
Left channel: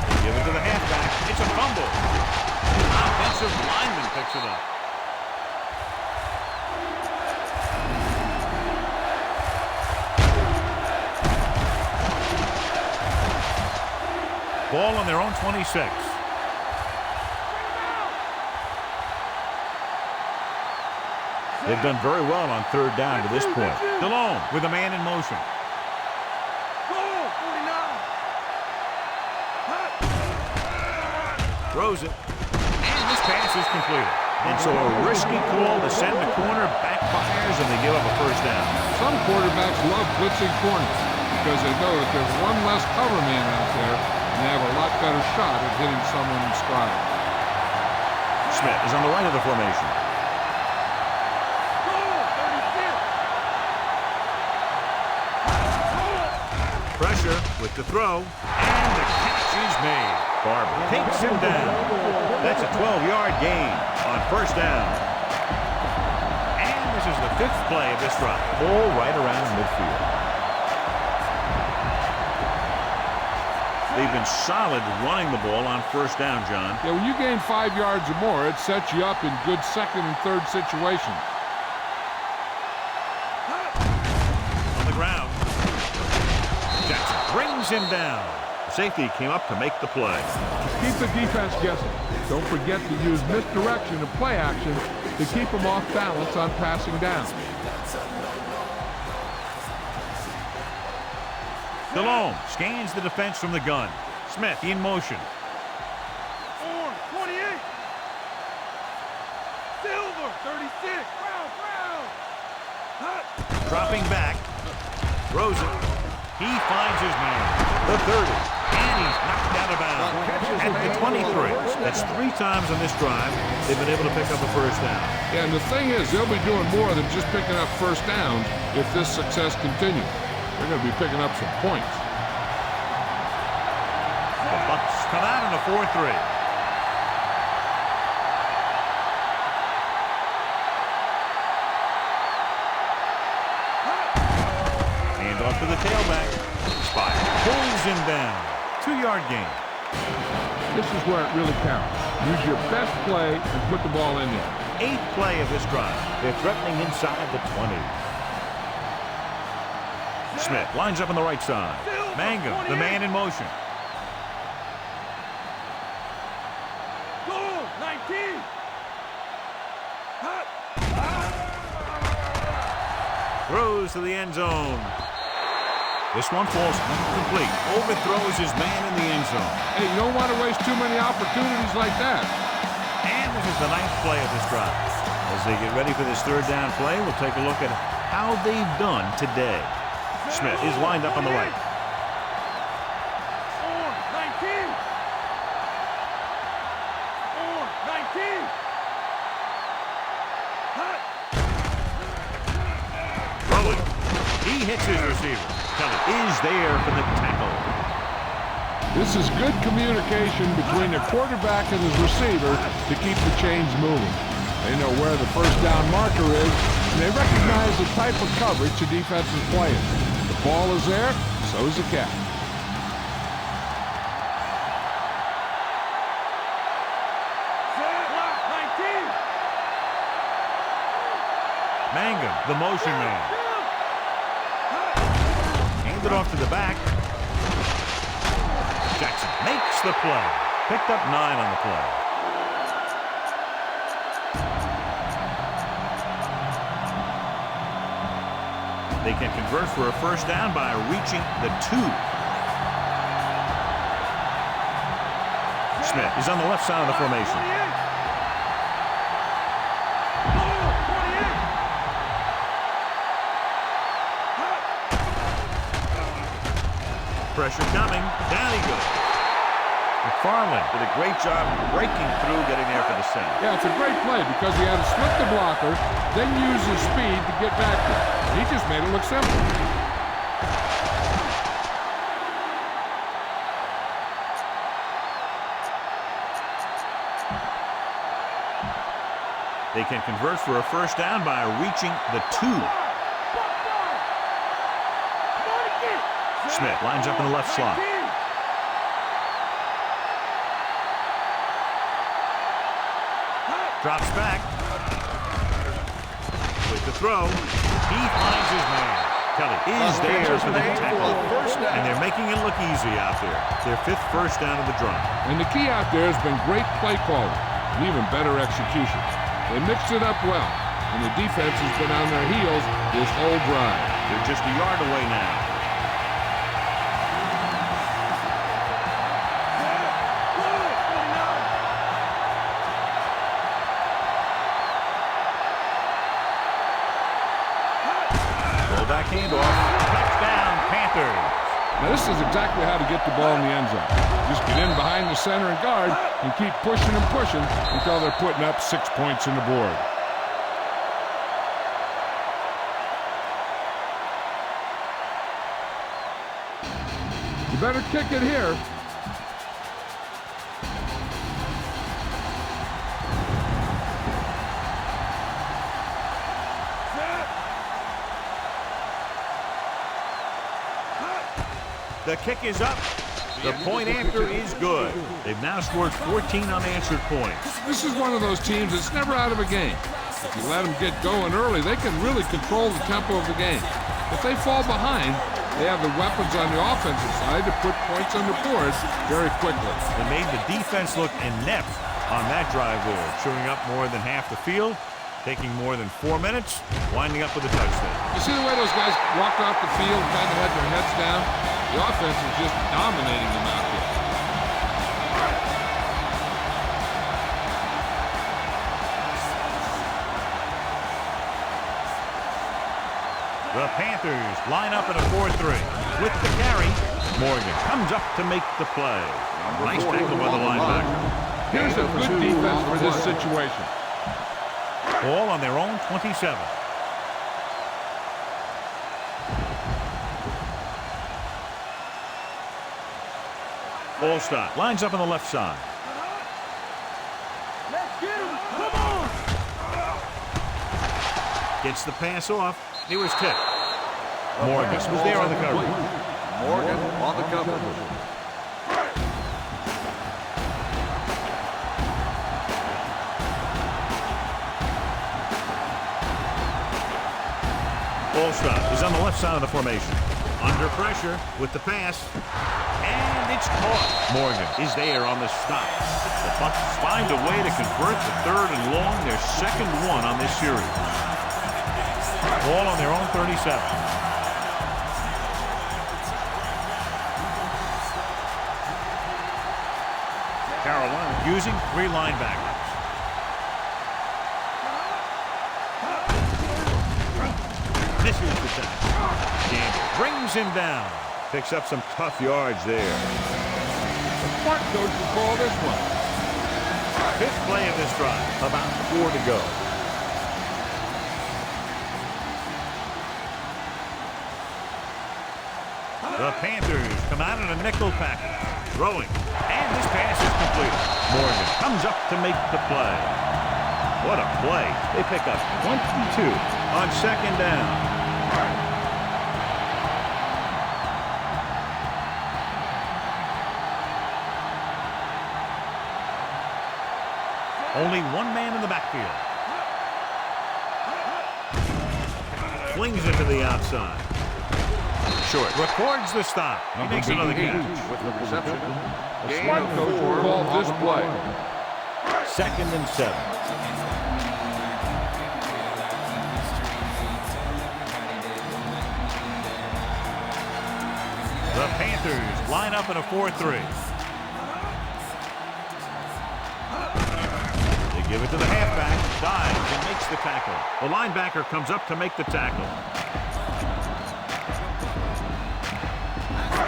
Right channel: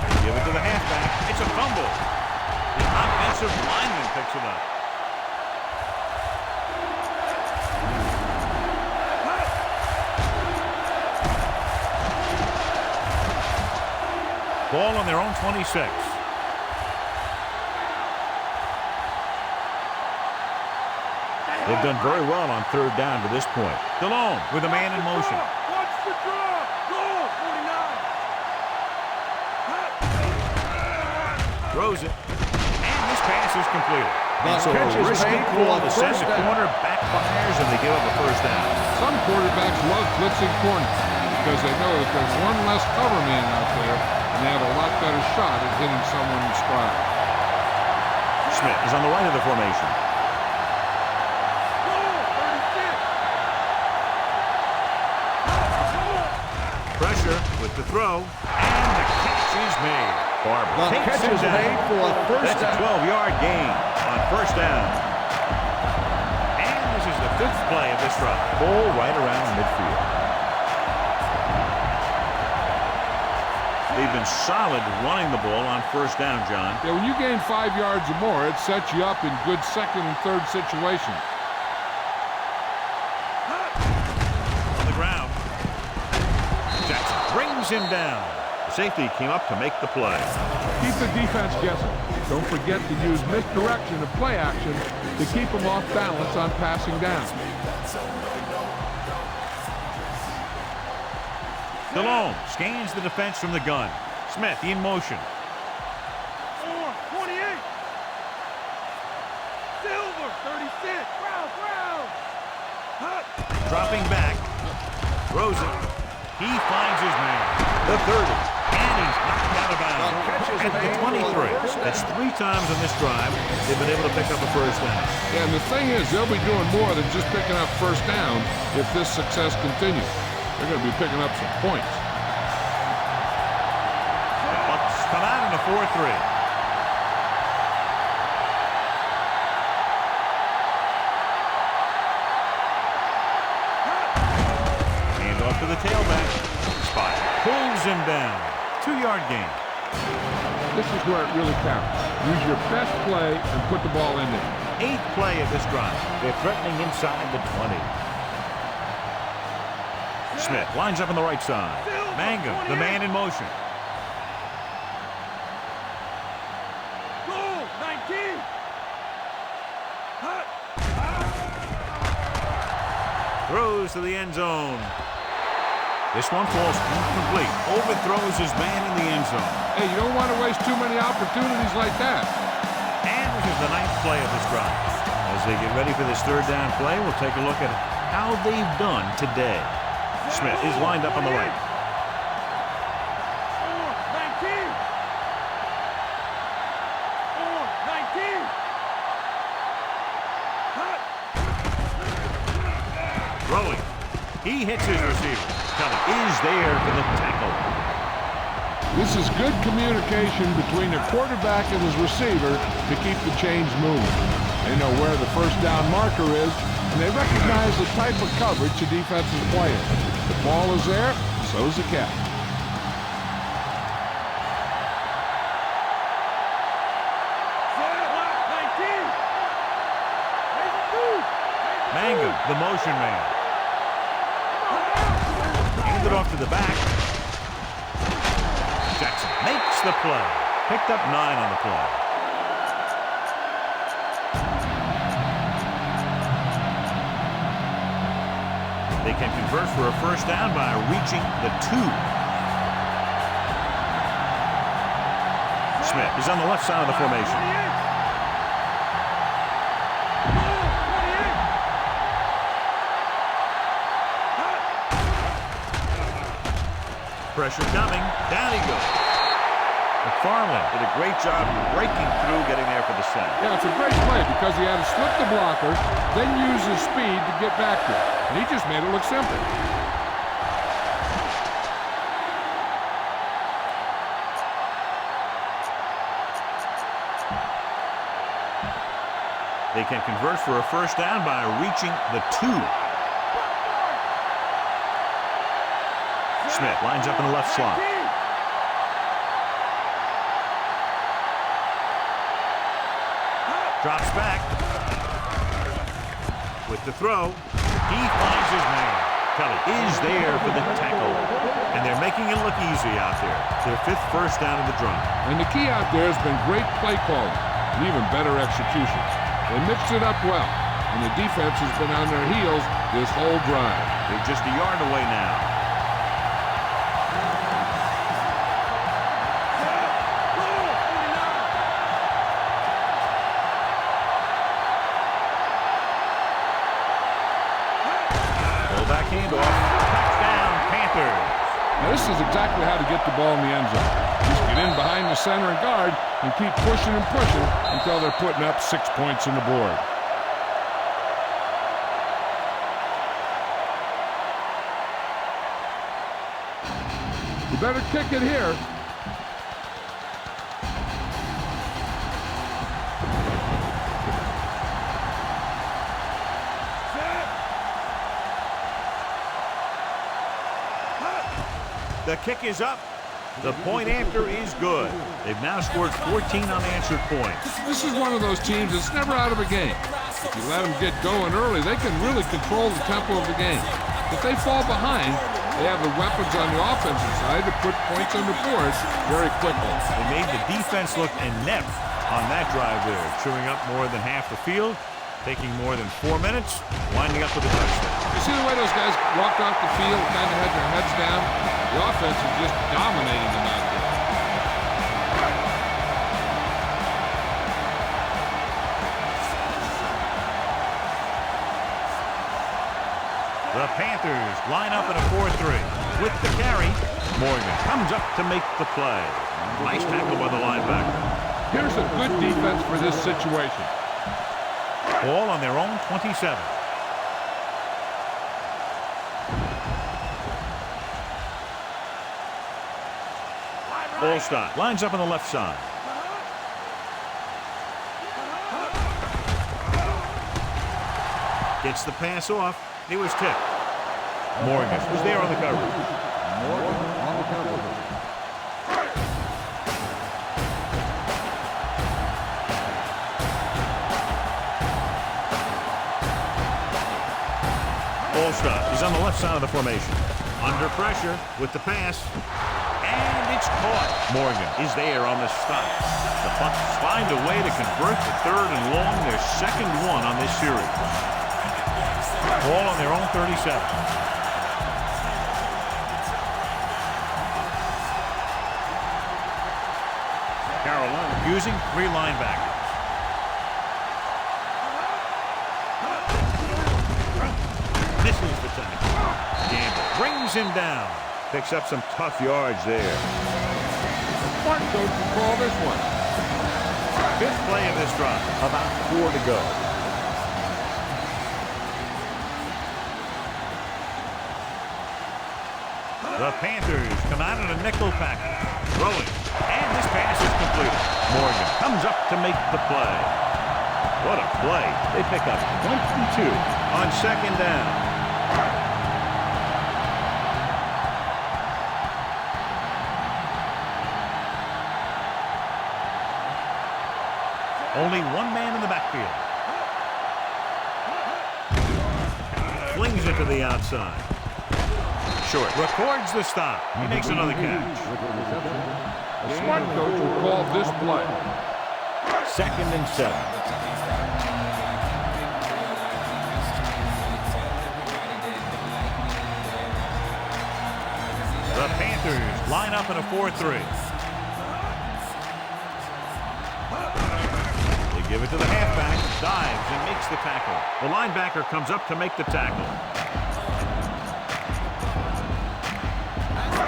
They give it to the halfback. It's a fumble. The offensive lineman picks it up. Ball on their own 26. They've done very well on 3rd down to this point. Delhomme with a man in motion. Throws it. And this pass is completed. And so a risky call to send the corner backfires, and they give up a 1st down. Some quarterbacks love blitzing corners because they know that there's one less cover man out there, and they have a lot better shot at hitting someone in stride. Smith is on the right of the formation. Pressure with the throw, and the catch is made. Barber takes him down. That's a 12-yard gain on 1st down. And this is the 5th play of this drive. Ball right around midfield. They've been solid running the ball on 1st down, John. Yeah, when you gain 5 yards or more, it sets you up in good 2nd and 3rd situations. On the ground. Jackson brings him down. The safety came up to make the play. Keep the defense guessing. Don't forget to use misdirection and play action to keep them off balance on passing down. Delhomme scans the defense from the gun. Smith in motion. Orange, 28. Silver, 36. Brown. Hut. Dropping back. Throws it. He finds his man. The 30. And he's knocked out of bounds. At the 23. That's 3 times on this drive they've been able to pick up a first down. Yeah, and the thing is, they'll be doing more than just picking up first downs if this success continues. They're going to be picking up some points. The Bucs come out in a 4-3. Hand off to the tailback. Spire pulls him down. 2-yard gain. This is where it really counts. Use your best play and put the ball in there. 8th play of this drive. They're threatening inside the 20. Smith lines up on the right side. Mangum, the man in motion. Goal, 19. Hut. Throws to the end zone. This one falls incomplete. Overthrows his man in the end zone. Hey, you don't want to waste too many opportunities like that. And this is the 9th play of this drive. As they get ready for this 3rd down play, we'll take a look at how they've done today. Smith is lined up on the right. Orange, 19. Orange, 19. Hut. Throwing. He hits his receiver. Kelly is there for the tackle. This is good communication between the quarterback and his receiver to keep the chains moving. They know where the first down marker is, and they recognize the type of coverage the defense is playing. The ball is there, so is the catch. Set. 19. Mangum, the motion man. Hand it off to the back. Jackson makes the play. Picked up 9 on the play. They can convert for a first down by reaching the 2. Smith is on the left side of the formation. 28. Goal, 28. Hut. Pressure coming. Down he goes. McFarland did a great job breaking through, getting there for the center. Yeah, it's a great play because he had to slip the blocker, then use his speed to get back there. And he just made it look simple. They can convert for a first down by reaching the 2. Smith lines up in the left slot. Drops back. With the throw, he finds his man. Kelly is there for the tackle. And they're making it look easy out there. Their 5th first down of the drive. And the key out there has been great play calling and even better execution. They mixed it up well, and the defense has been on their heels this whole drive. They're just a yard away now. Back handoff. Touchdown, Panthers. Now, this is exactly how to get the ball in the end zone. Just get in behind the center and guard and keep pushing and pushing until they're putting up 6 points on the board. You better kick it here. The kick is up. The point after is good. They've now scored 14 unanswered points. This is one of those teams that's never out of a game. If you let them get going early, they can really control the tempo of the game. If they fall behind, They have the weapons on the offensive side to put points on the board very quickly. They made the defense look inept on that drive there, chewing up more than half the field, taking more than 4 minutes, winding up with a touchdown. You see the way those guys walked off the field, kind of had their heads down? The offense is just dominating them out there. The Panthers line up in a 4-3. With the carry, Morgan comes up to make the play. Nice tackle by the linebacker. Here's a good defense for this situation. Ball on their own 27. Ball stop. Lines up on the left side. Gets the pass off. He was tipped. Morgan was there on the coverage. Morgan on the coverage. Ball stop. He's on the left side of the formation. Under pressure with the pass. And it's caught. Morgan is there on the stop. The Bucs find a way to convert the 3rd and long, their second one on this series. Ball on their own 37. Carolina using 3 linebackers. Misses the tackle. Gamble brings him down. Picks up some tough yards there. The smart coach will call this one. 5th play of this drive. About 4 to go. The Panthers come out in a nickel package. Throwing. And this pass is completed. Morgan comes up to make the play. What a play. They pick up 22 on 2nd down. Only one man in the backfield. Flings it to the outside. Short. Records the stop. He makes another catch. A smart coach will call this play. 2nd and 7. The Panthers line up in a 4-3. They give it to the halfback, dives and makes the tackle. The linebacker comes up to make the tackle.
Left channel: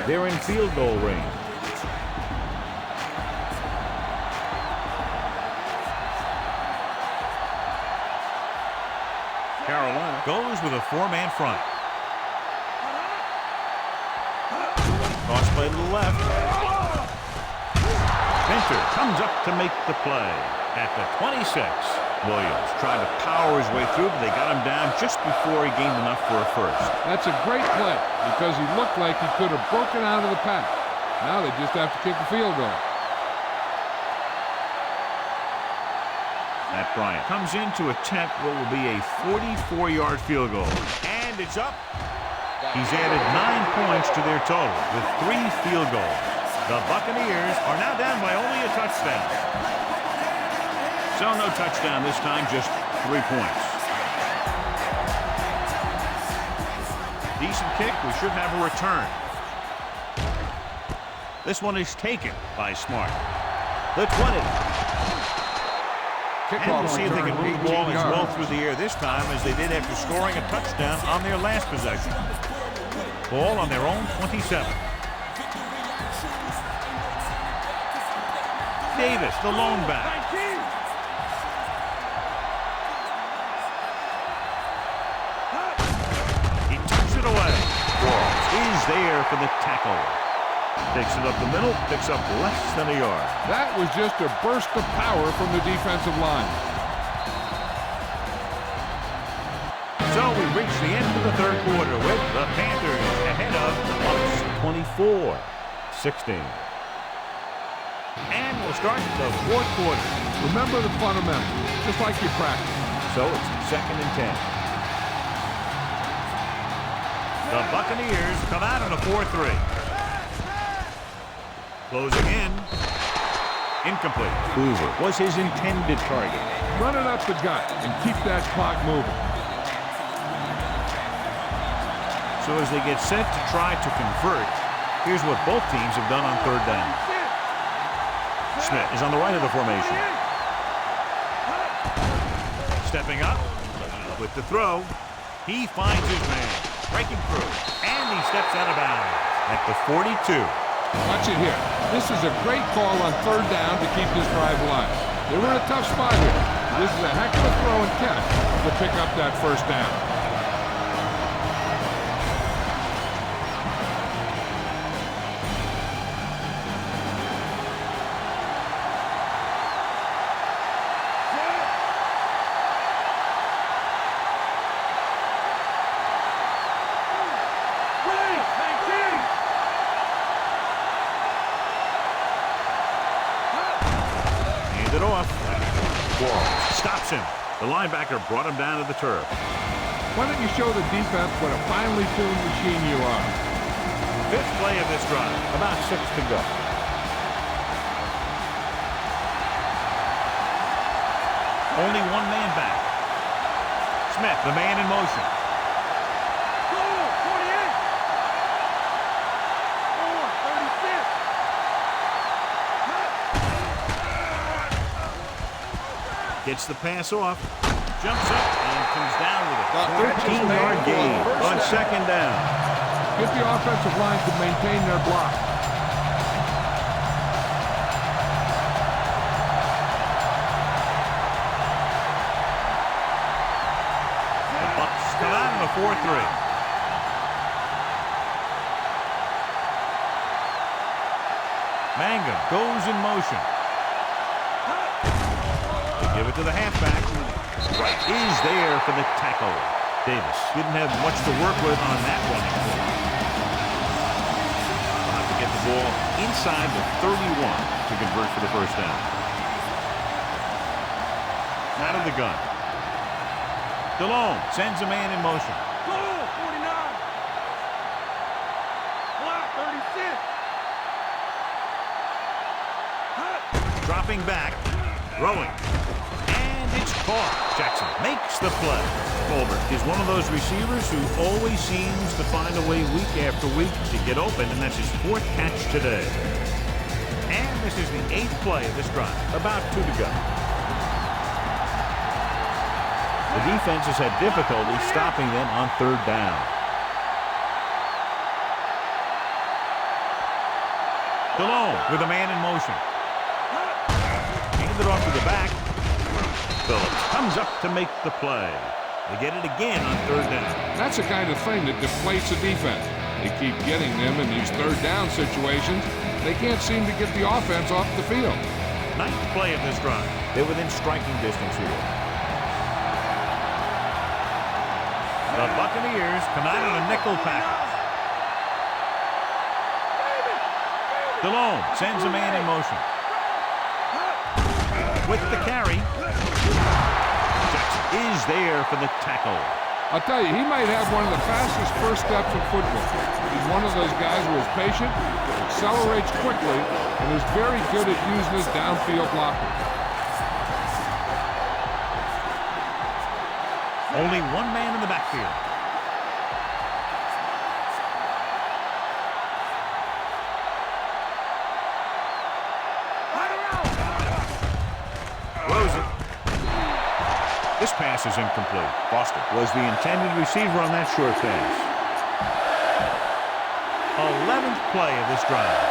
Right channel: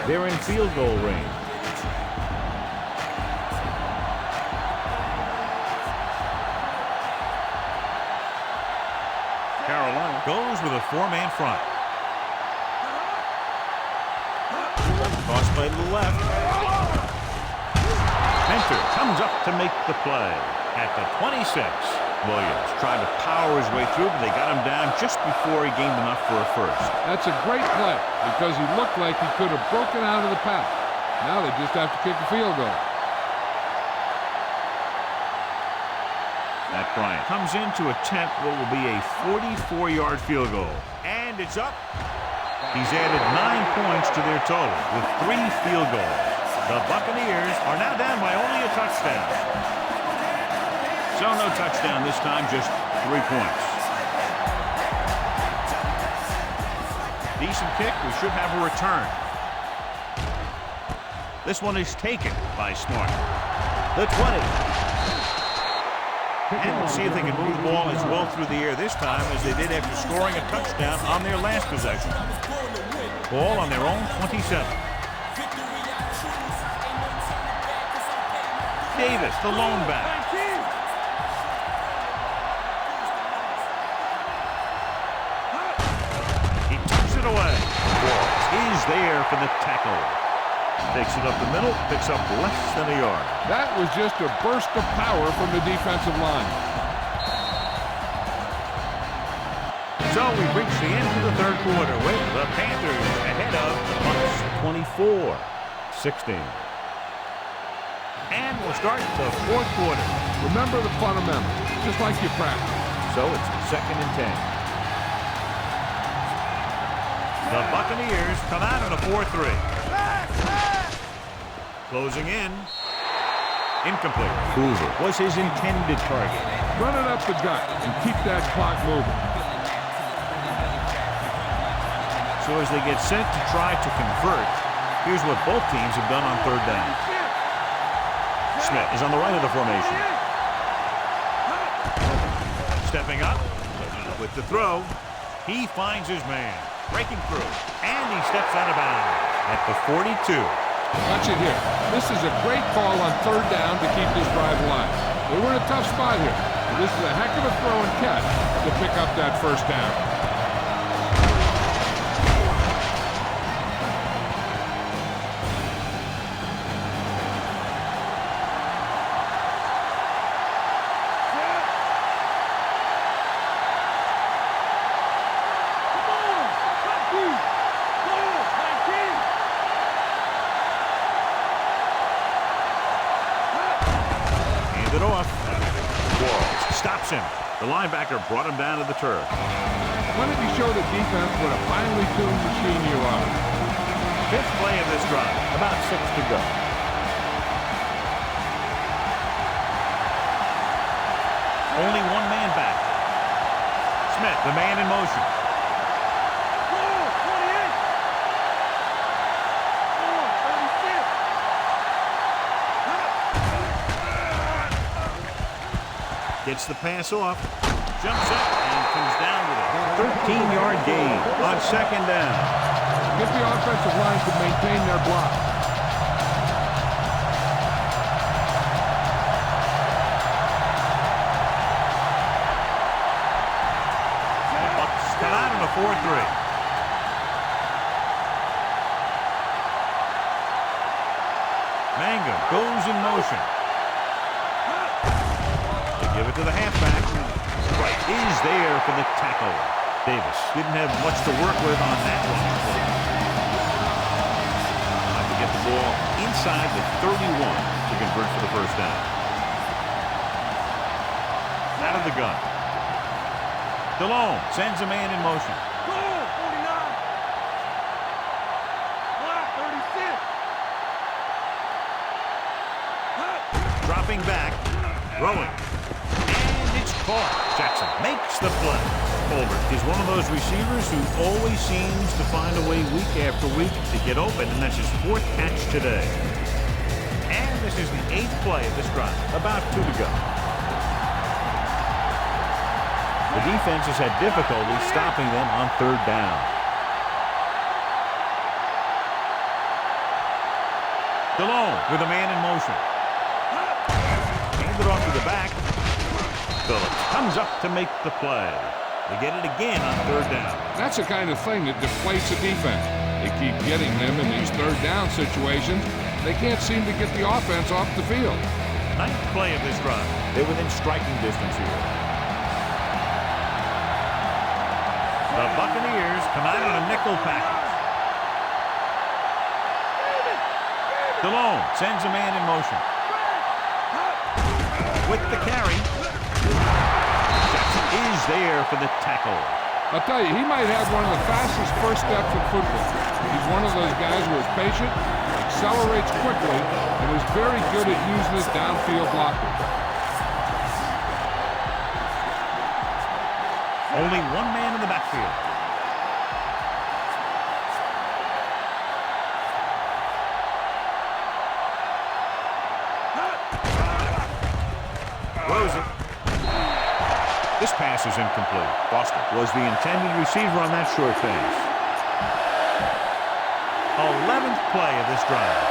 They're in field goal range. Carolina goes with a 4-man front. Cross play to the left. Minter comes up to make the play at the 26. Williams tried to power his way through, but they got him down just before he gained enough for a first. That's a great play because he looked like he could have broken out of the pack. Now they just have to kick a field goal. Matt Bryant comes in to attempt what will be a 44-yard field goal. And it's up. He's added 9 points to their total with 3 field goals. The Buccaneers are now down by only a touchdown. So no touchdown this time, just 3 points. Decent kick. We should have a return. This one is taken by Smart. The 20. And we'll see if they can move the ball as well through the air this time as they did after scoring a touchdown on their last possession. Ball on their own 27. Davis, the lone back. He tucks it away. Walls is there for the tackle. Takes it up the middle, picks up less than a yard. That was just a burst of power from the defensive line. So we've reached the end of the 3rd quarter with the Panthers ahead of the Bucs 24-16. And we'll start the 4th quarter. Remember the fundamentals, just like you practice. So it's 2nd and 10. The Buccaneers come out in a 4-3. Closing in. Incomplete. Hoover was his intended target. Run it up the gut and keep that clock moving. So as they get set to try to convert, here's what both teams have done on third down. Smith is on the right of the formation. Stepping up with the throw. He finds his man. Breaking through. And he steps out of bounds at the 42. Watch it here. This is a great call on third down to keep this drive alive. They were in a tough spot here. But this is a heck of a throw and catch to pick up that first down. It off. Quarles stops him. The linebacker brought him down to the turf. Why don't you show the defense what a finely tuned machine you are? Fifth play of this drive. About 6 to go. Only one man back. Smith, the man in motion. Goal, 28. Or 36. Gets the pass off. Jumps up and comes down with it. 13-yard gain on second down. Get the offensive line to maintain their block. The Bucs come out in a 4-3. Mangum goes in motion. They give it to the halfback. Right is there for the tackle. Davis didn't have much to work with on that running play. They'll have to get the ball inside the 31 to convert for the first down. Out of the gun. DeLome sends a man in motion. Goal, 49. Block, 36. Dropping back. Throwing. And it's caught. Jackson makes the play. Colbert is one of those receivers who always seems to find a way week after week to get open, and that's his 4th catch today. And this is the 8th play of this drive. About 2 to go. The defense has had difficulty stopping them on third down. DeLome with a man in motion. Handed off to the back. Phillips comes up to make the play. They get it again on third down. That's the kind of thing that deflates a defense. They keep getting them in these third down situations. They can't seem to get the offense off the field. 9th play of this drive. They're within striking distance here. The Buccaneers come out on a nickel package. DeLome sends a man in motion. With the carry. Jackson is there for the tackle. I'll tell you, he might have one of the fastest first steps in football. He's one of those guys who is patient, accelerates quickly, and is very good at using his downfield blockers. Only one man in the backfield. This pass is incomplete. Foster was the intended receiver on that short pass. 11th play of this drive.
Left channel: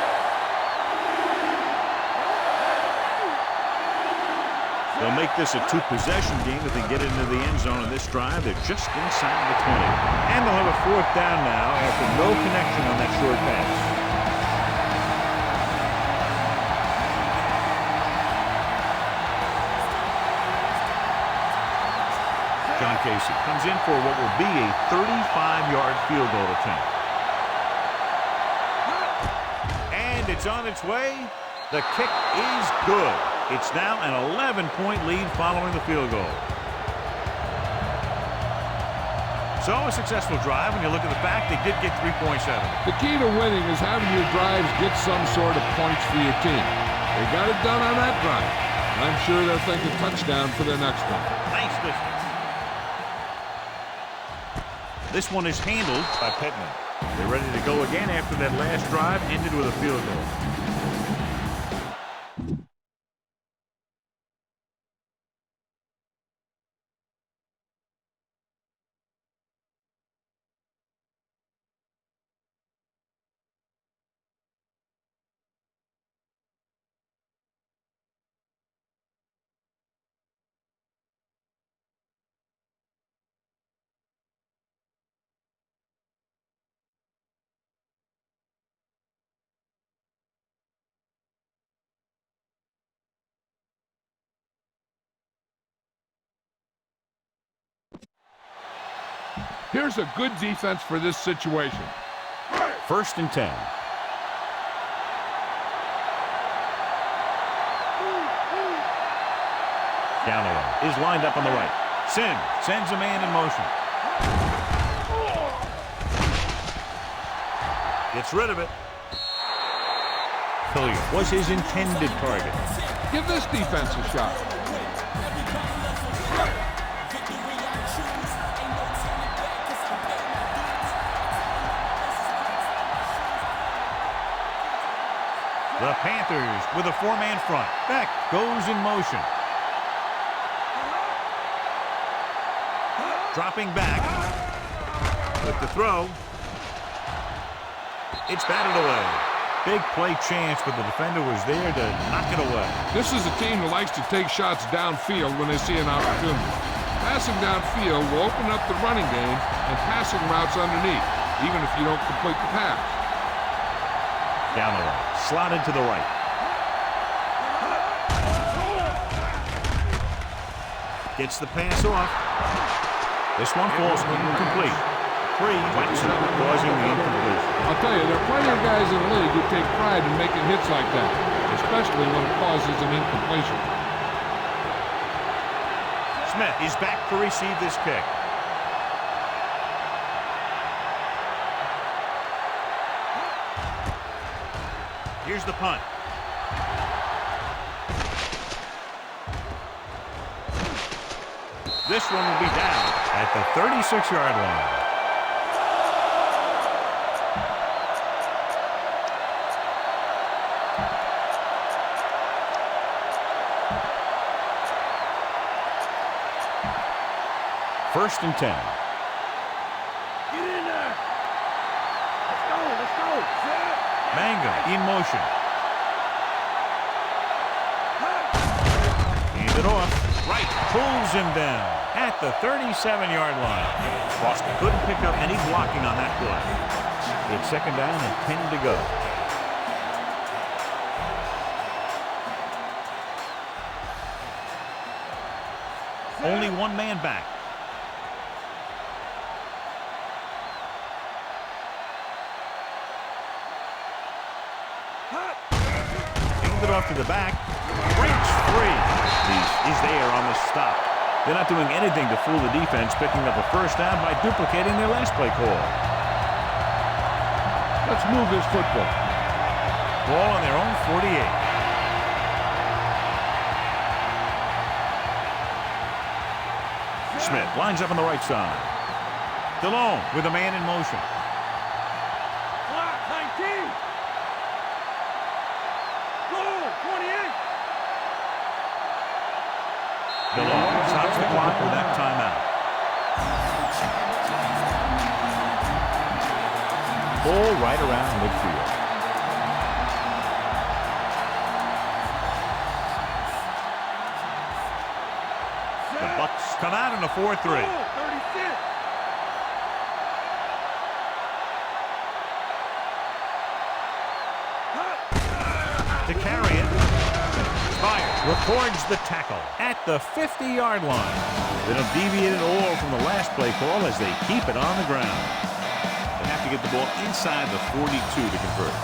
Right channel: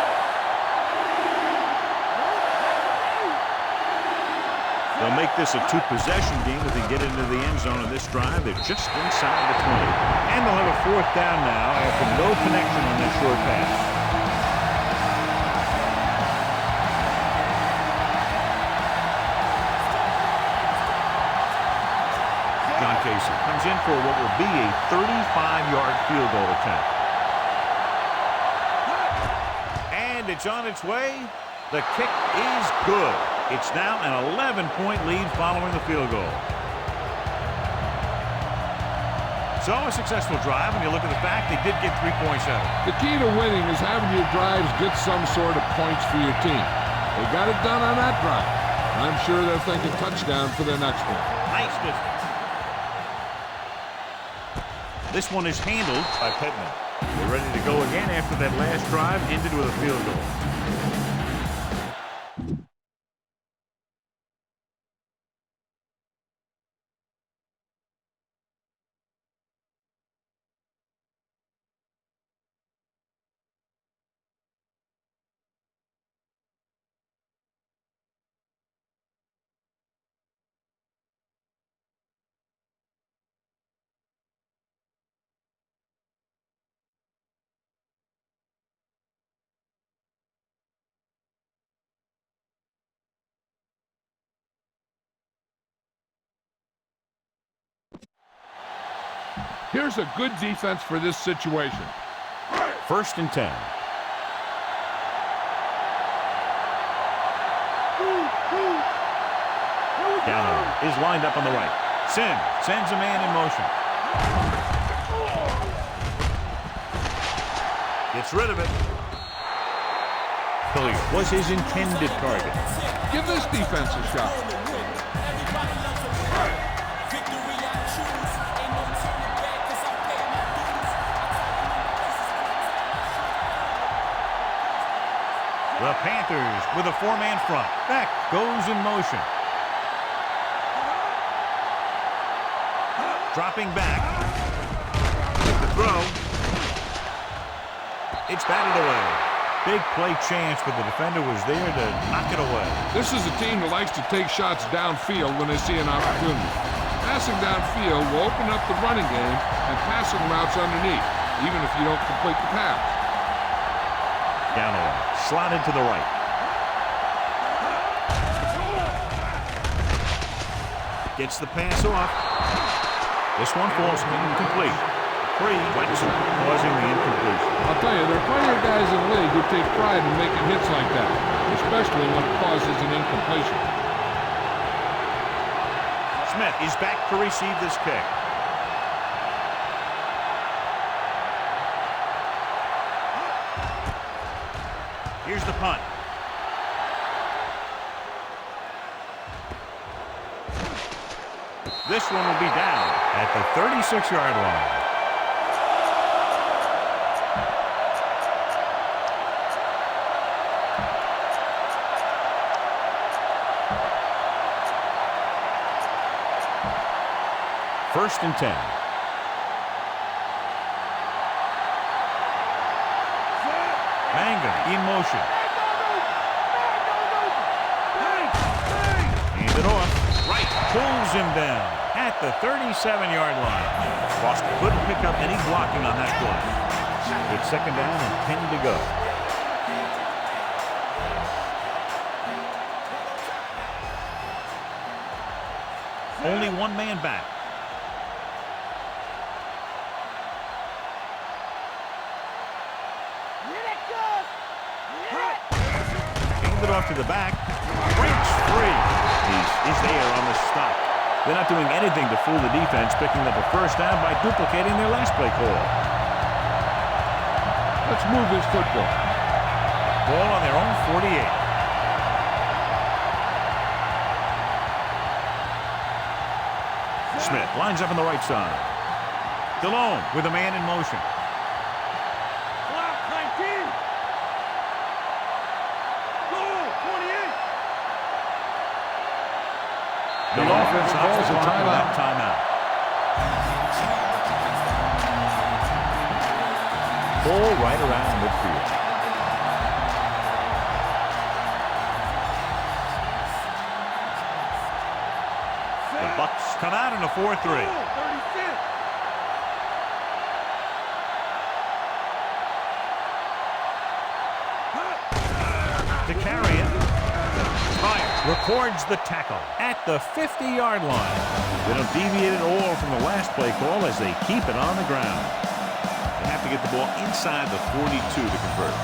They'll make this a 2-possession game if they get into the end zone of this drive. They're just inside the 20. And they'll have a 4th down now after no connection on that short pass. John Casey comes in for what will be a 35-yard field goal attempt. And it's on its way. The kick is good. It's now an 11-point lead following the field goal. So a successful drive, and you look at the fact they did get 3 points out of it. The key to winning is having your drives get some sort of points for your team. They got it done on that drive. I'm sure they'll think a touchdown for their next one. Nice distance. This one is handled by Pittman. They're ready to go again after that last drive ended with a field goal. Here's a good defense for this situation. 1st and 10. Galloway is lined up on the right. Sims sends a man in motion. Gets rid of it. Hilliard was his intended target. Give this defense a shot. The Panthers with a 4-man front. Beck goes in motion. Dropping back. With the throw. It's batted away. Big play chance, but the defender was there to knock it away. This is a team that likes to take shots downfield when they see an opportunity. Passing downfield will open up the running game and passing routes underneath, even if you don't complete the pass. Galloway slotted to the right. Gets the pass off. This one falls incomplete. Waxman causing the incompletion. I'll tell you, there are plenty of guys in the league who take pride in making hits like that, especially when it causes an incompletion. Smith is back to receive this kick. Here's the punt. This one will be down at the 36-yard line. First and 10. Mangum in motion. Hand it off. Right. Pulls him down at the 37-yard line. Boston couldn't pick up any blocking on that play. It's 2nd down and 10 to go. Only one man back. It off to the back, breaks free. He's there on the stop. They're not doing anything to fool the defense, picking up a 1st down by duplicating their last play call. Let's move this football. Ball on their own 48. Smith lines up on the right side. DeLone with a man in motion. Clock, 19. Goal, 28. DeLone stops the clock with that timeout. Ball right around midfield. The Bucs come out in a 4-3. 36. To carry it. Spire records the tackle at the 50-yard line. They don't deviate at all from the last play call as they keep it on the ground. They have to get the ball inside the 42 to convert.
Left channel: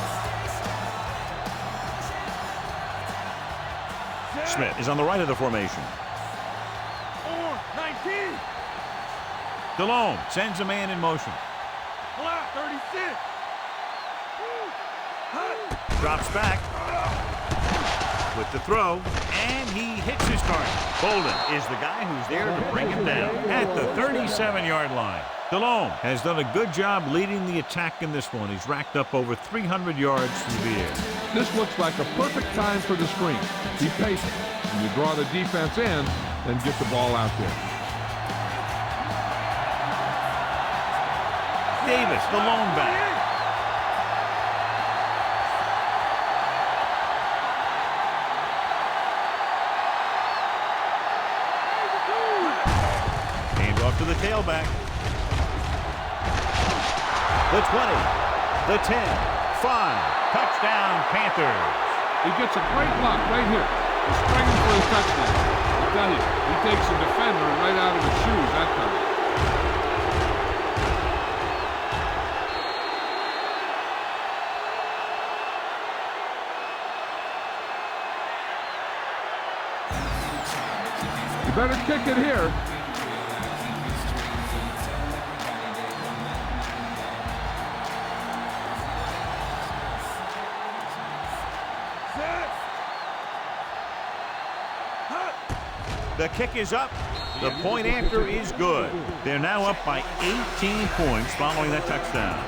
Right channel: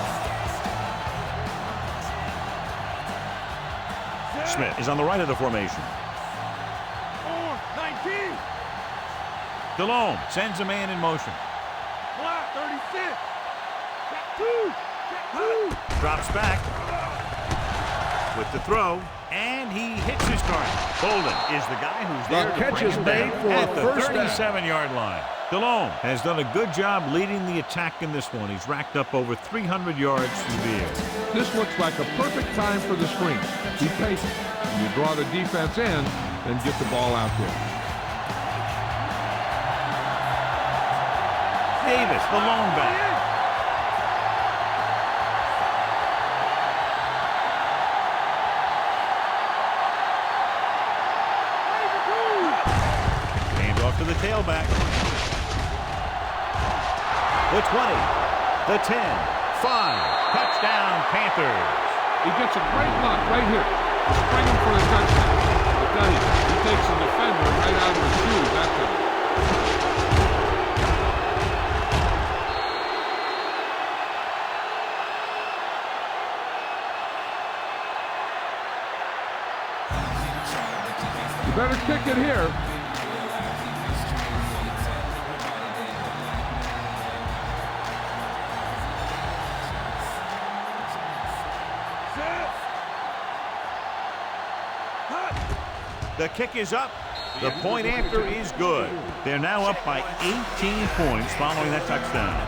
Set. Smith is on the right of the formation. On, 19. Delhomme sends a man in motion. Block 36. Drops back with the throw, and he hits his target. Bolden is the guy who's there to bring him down at the 37-yard line. Delhomme has done a good job leading the attack in this one. He's racked up over 300 yards through the air. This looks like a perfect time for the screen. Be patient. When you draw the defense in, then get the ball out there. Davis, the lone back. Hand off to the tailback. The 20, the 10, 5. Touchdown, Panthers. He gets a great look right here to spring him for the touchdown. I tell you, he takes the defender right out of his shoes that time. You better kick it here. The kick is up. The point after is good. They're now up by 18 points following that touchdown.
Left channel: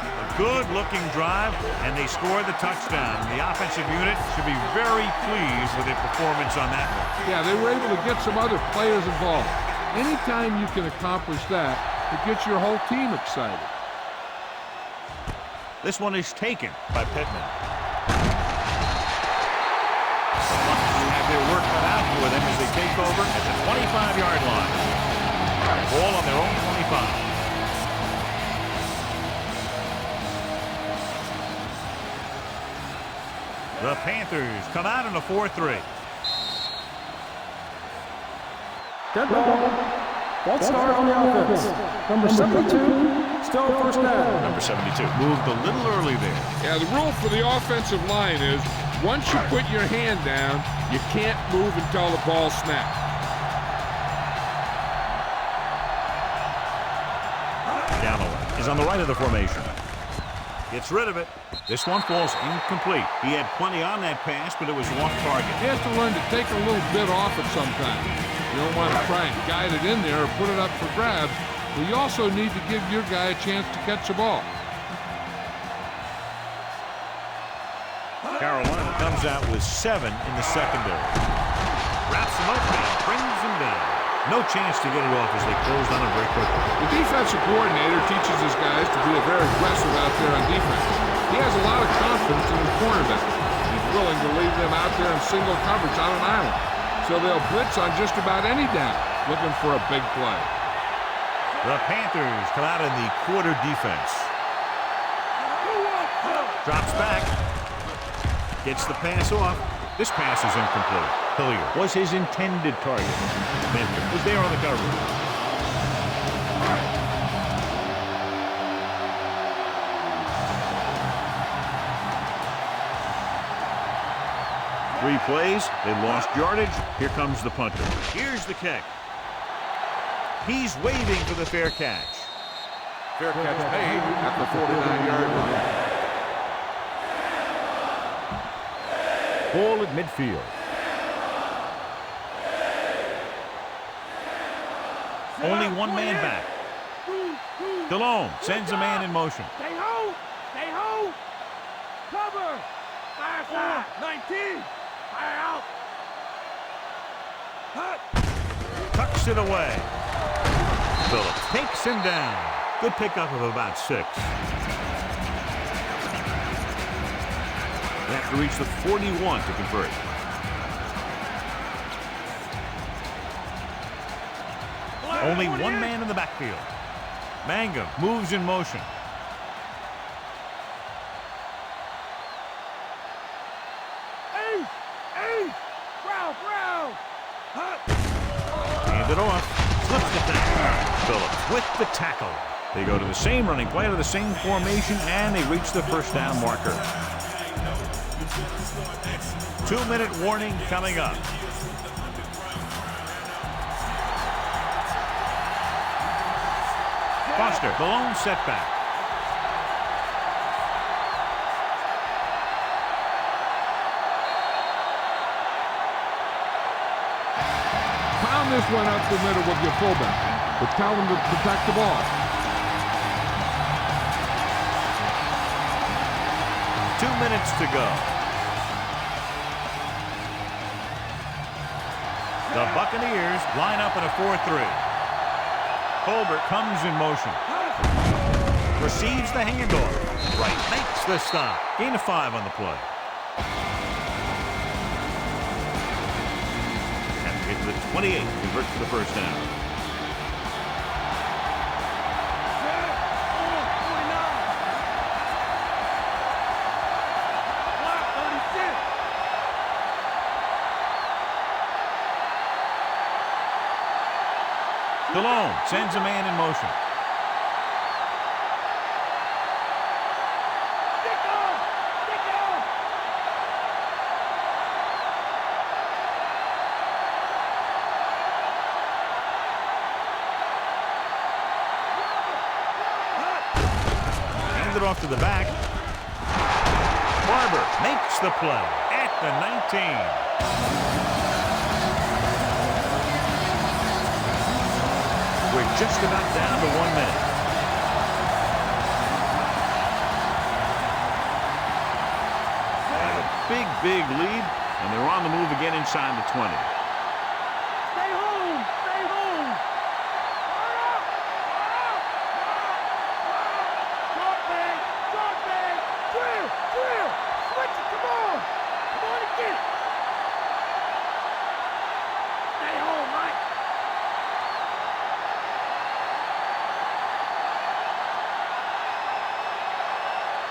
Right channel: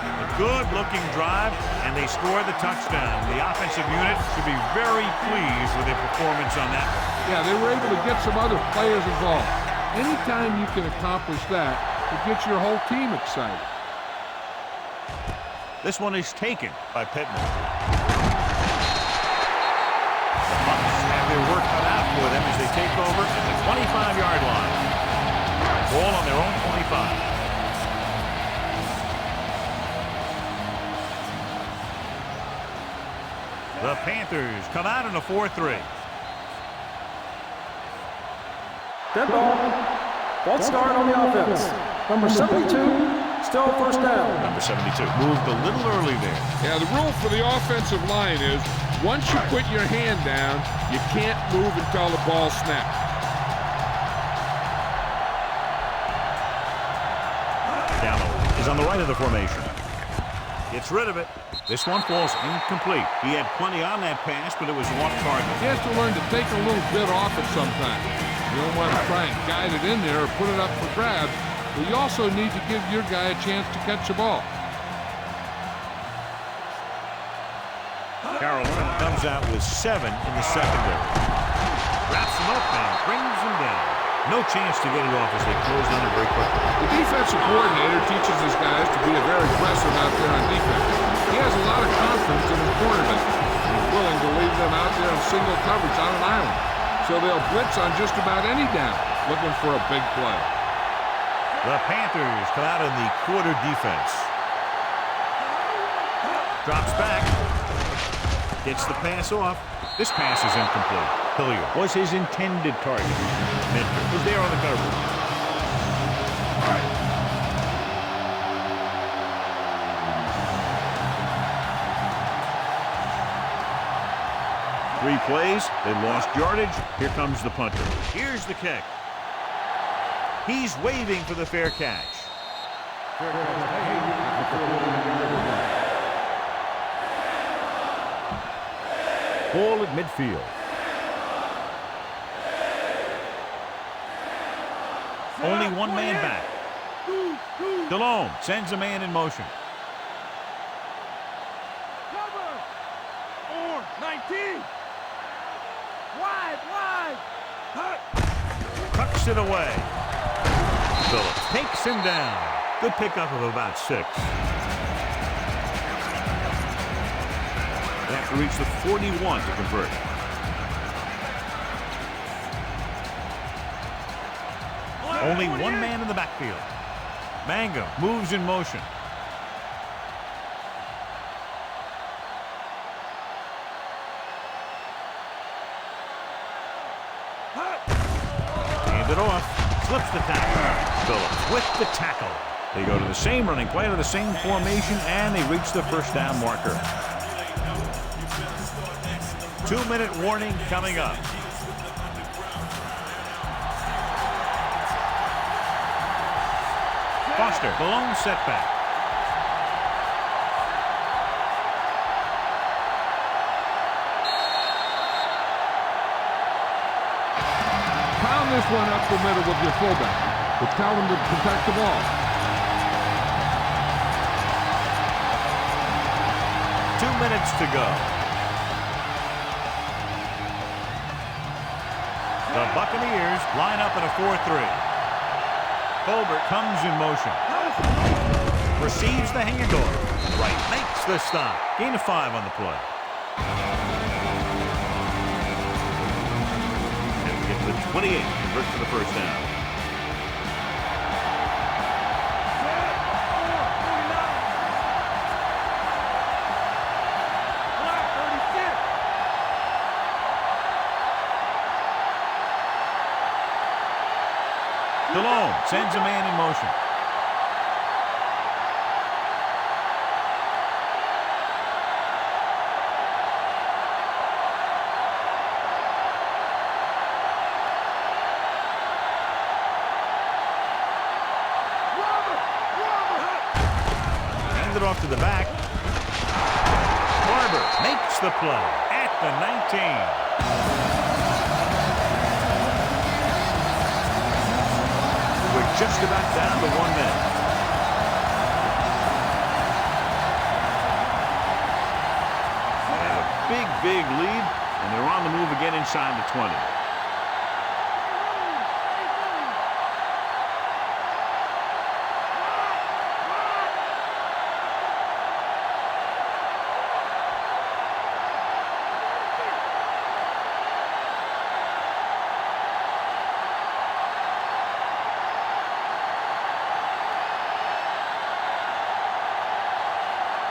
A good-looking drive, and they score the touchdown. The offensive unit should be very pleased with their performance on that one. Yeah, they were able to get some other players involved. Anytime you can accomplish that, it gets your whole team excited. This one is taken by Pittman. The Bucs have their work cut out for them as they take over at the 25-yard line. Ball on their own 25. The Panthers come out in a 4-3. Dead ball. False start on the offense. Number 72, still first down. Number 72 moved a little early there. Yeah, the rule for the offensive line is once you put your hand down, you can't move until the ball snaps. Galloway is on the right of the formation. Gets rid of it. This one falls incomplete. He had plenty on that pass, but it was off target. He has to learn to take a little bit off it sometimes. You don't want to try and guide it in there or put it up for grabs, but you also need to give your guy a chance to catch the ball. Carolina comes out with 7 in the secondary. Wraps him up and brings him down. No chance to get it off as they closed on him very quickly. The defensive coordinator teaches his guys to be very aggressive out there on defense. He has a lot of confidence in his cornerback. He's willing to leave them out there in single coverage on an island. So they'll blitz on just about any down, looking for a big play. The Panthers come out in the quarter defense. Drops back. Gets the pass off. This pass is incomplete. Hilliard was his intended target. Minter was there on the coverage. Three plays, they lost yardage. Here comes the punter. Here's the kick. He's waving for the fair catch. Fair catch made at the 49-yard line. Ball at midfield. Only one man back. Delhomme sends a man in motion. Stay home. Stay home. Cover. 4-19. Out. Wide. Tucks it away. Phillips takes him down. Good pickup of about 6. They have to reach the 41 to convert. Only one man in the backfield. Mangum moves in motion. Hand it off. Slips the tackle. Phillips with the tackle. They go to the same running play to the same formation, and they reach the first down marker. 2-minute warning coming up. Foster, the lone setback. Pound this one up the middle with your fullback, but tell him to protect the ball. 2 minutes to go. The Buccaneers line up in a 4-3. Colbert comes in motion. Receives the handoff. Right, makes the stop. Gain of 5 on the play. Have to get to the 28. Convert for the first down. Delone sends a man in motion. Hand it off to the back. Barber makes the play at the 19. We're just about down to 1 minute. They have a big lead, and they're on the move again inside the 20. Stay home! Stay home! Wide! Drop back! Clear! Switch it! Come on and get it! Stay home, Mike!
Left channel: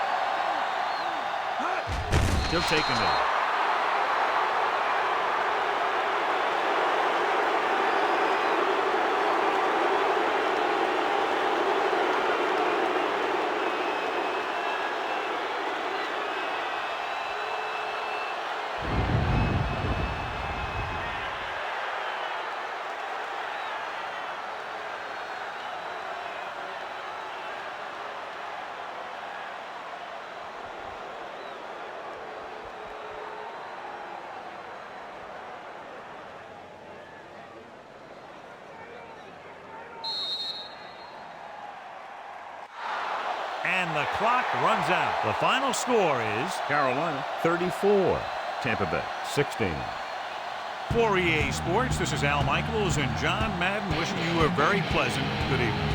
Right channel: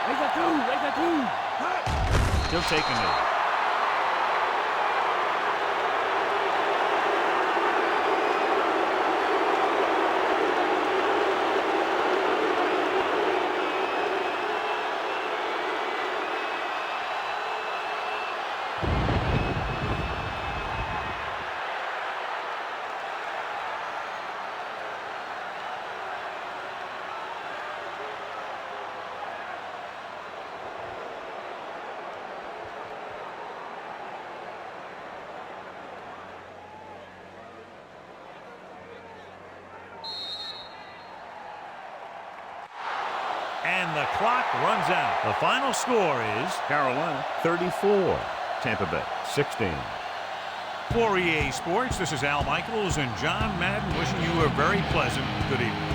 Make a two! Hut! He'll take a knee. And the clock runs out. The final score is Carolina 34, Tampa Bay 16. For EA Sports, this is Al Michaels and John Madden wishing you a very pleasant good evening.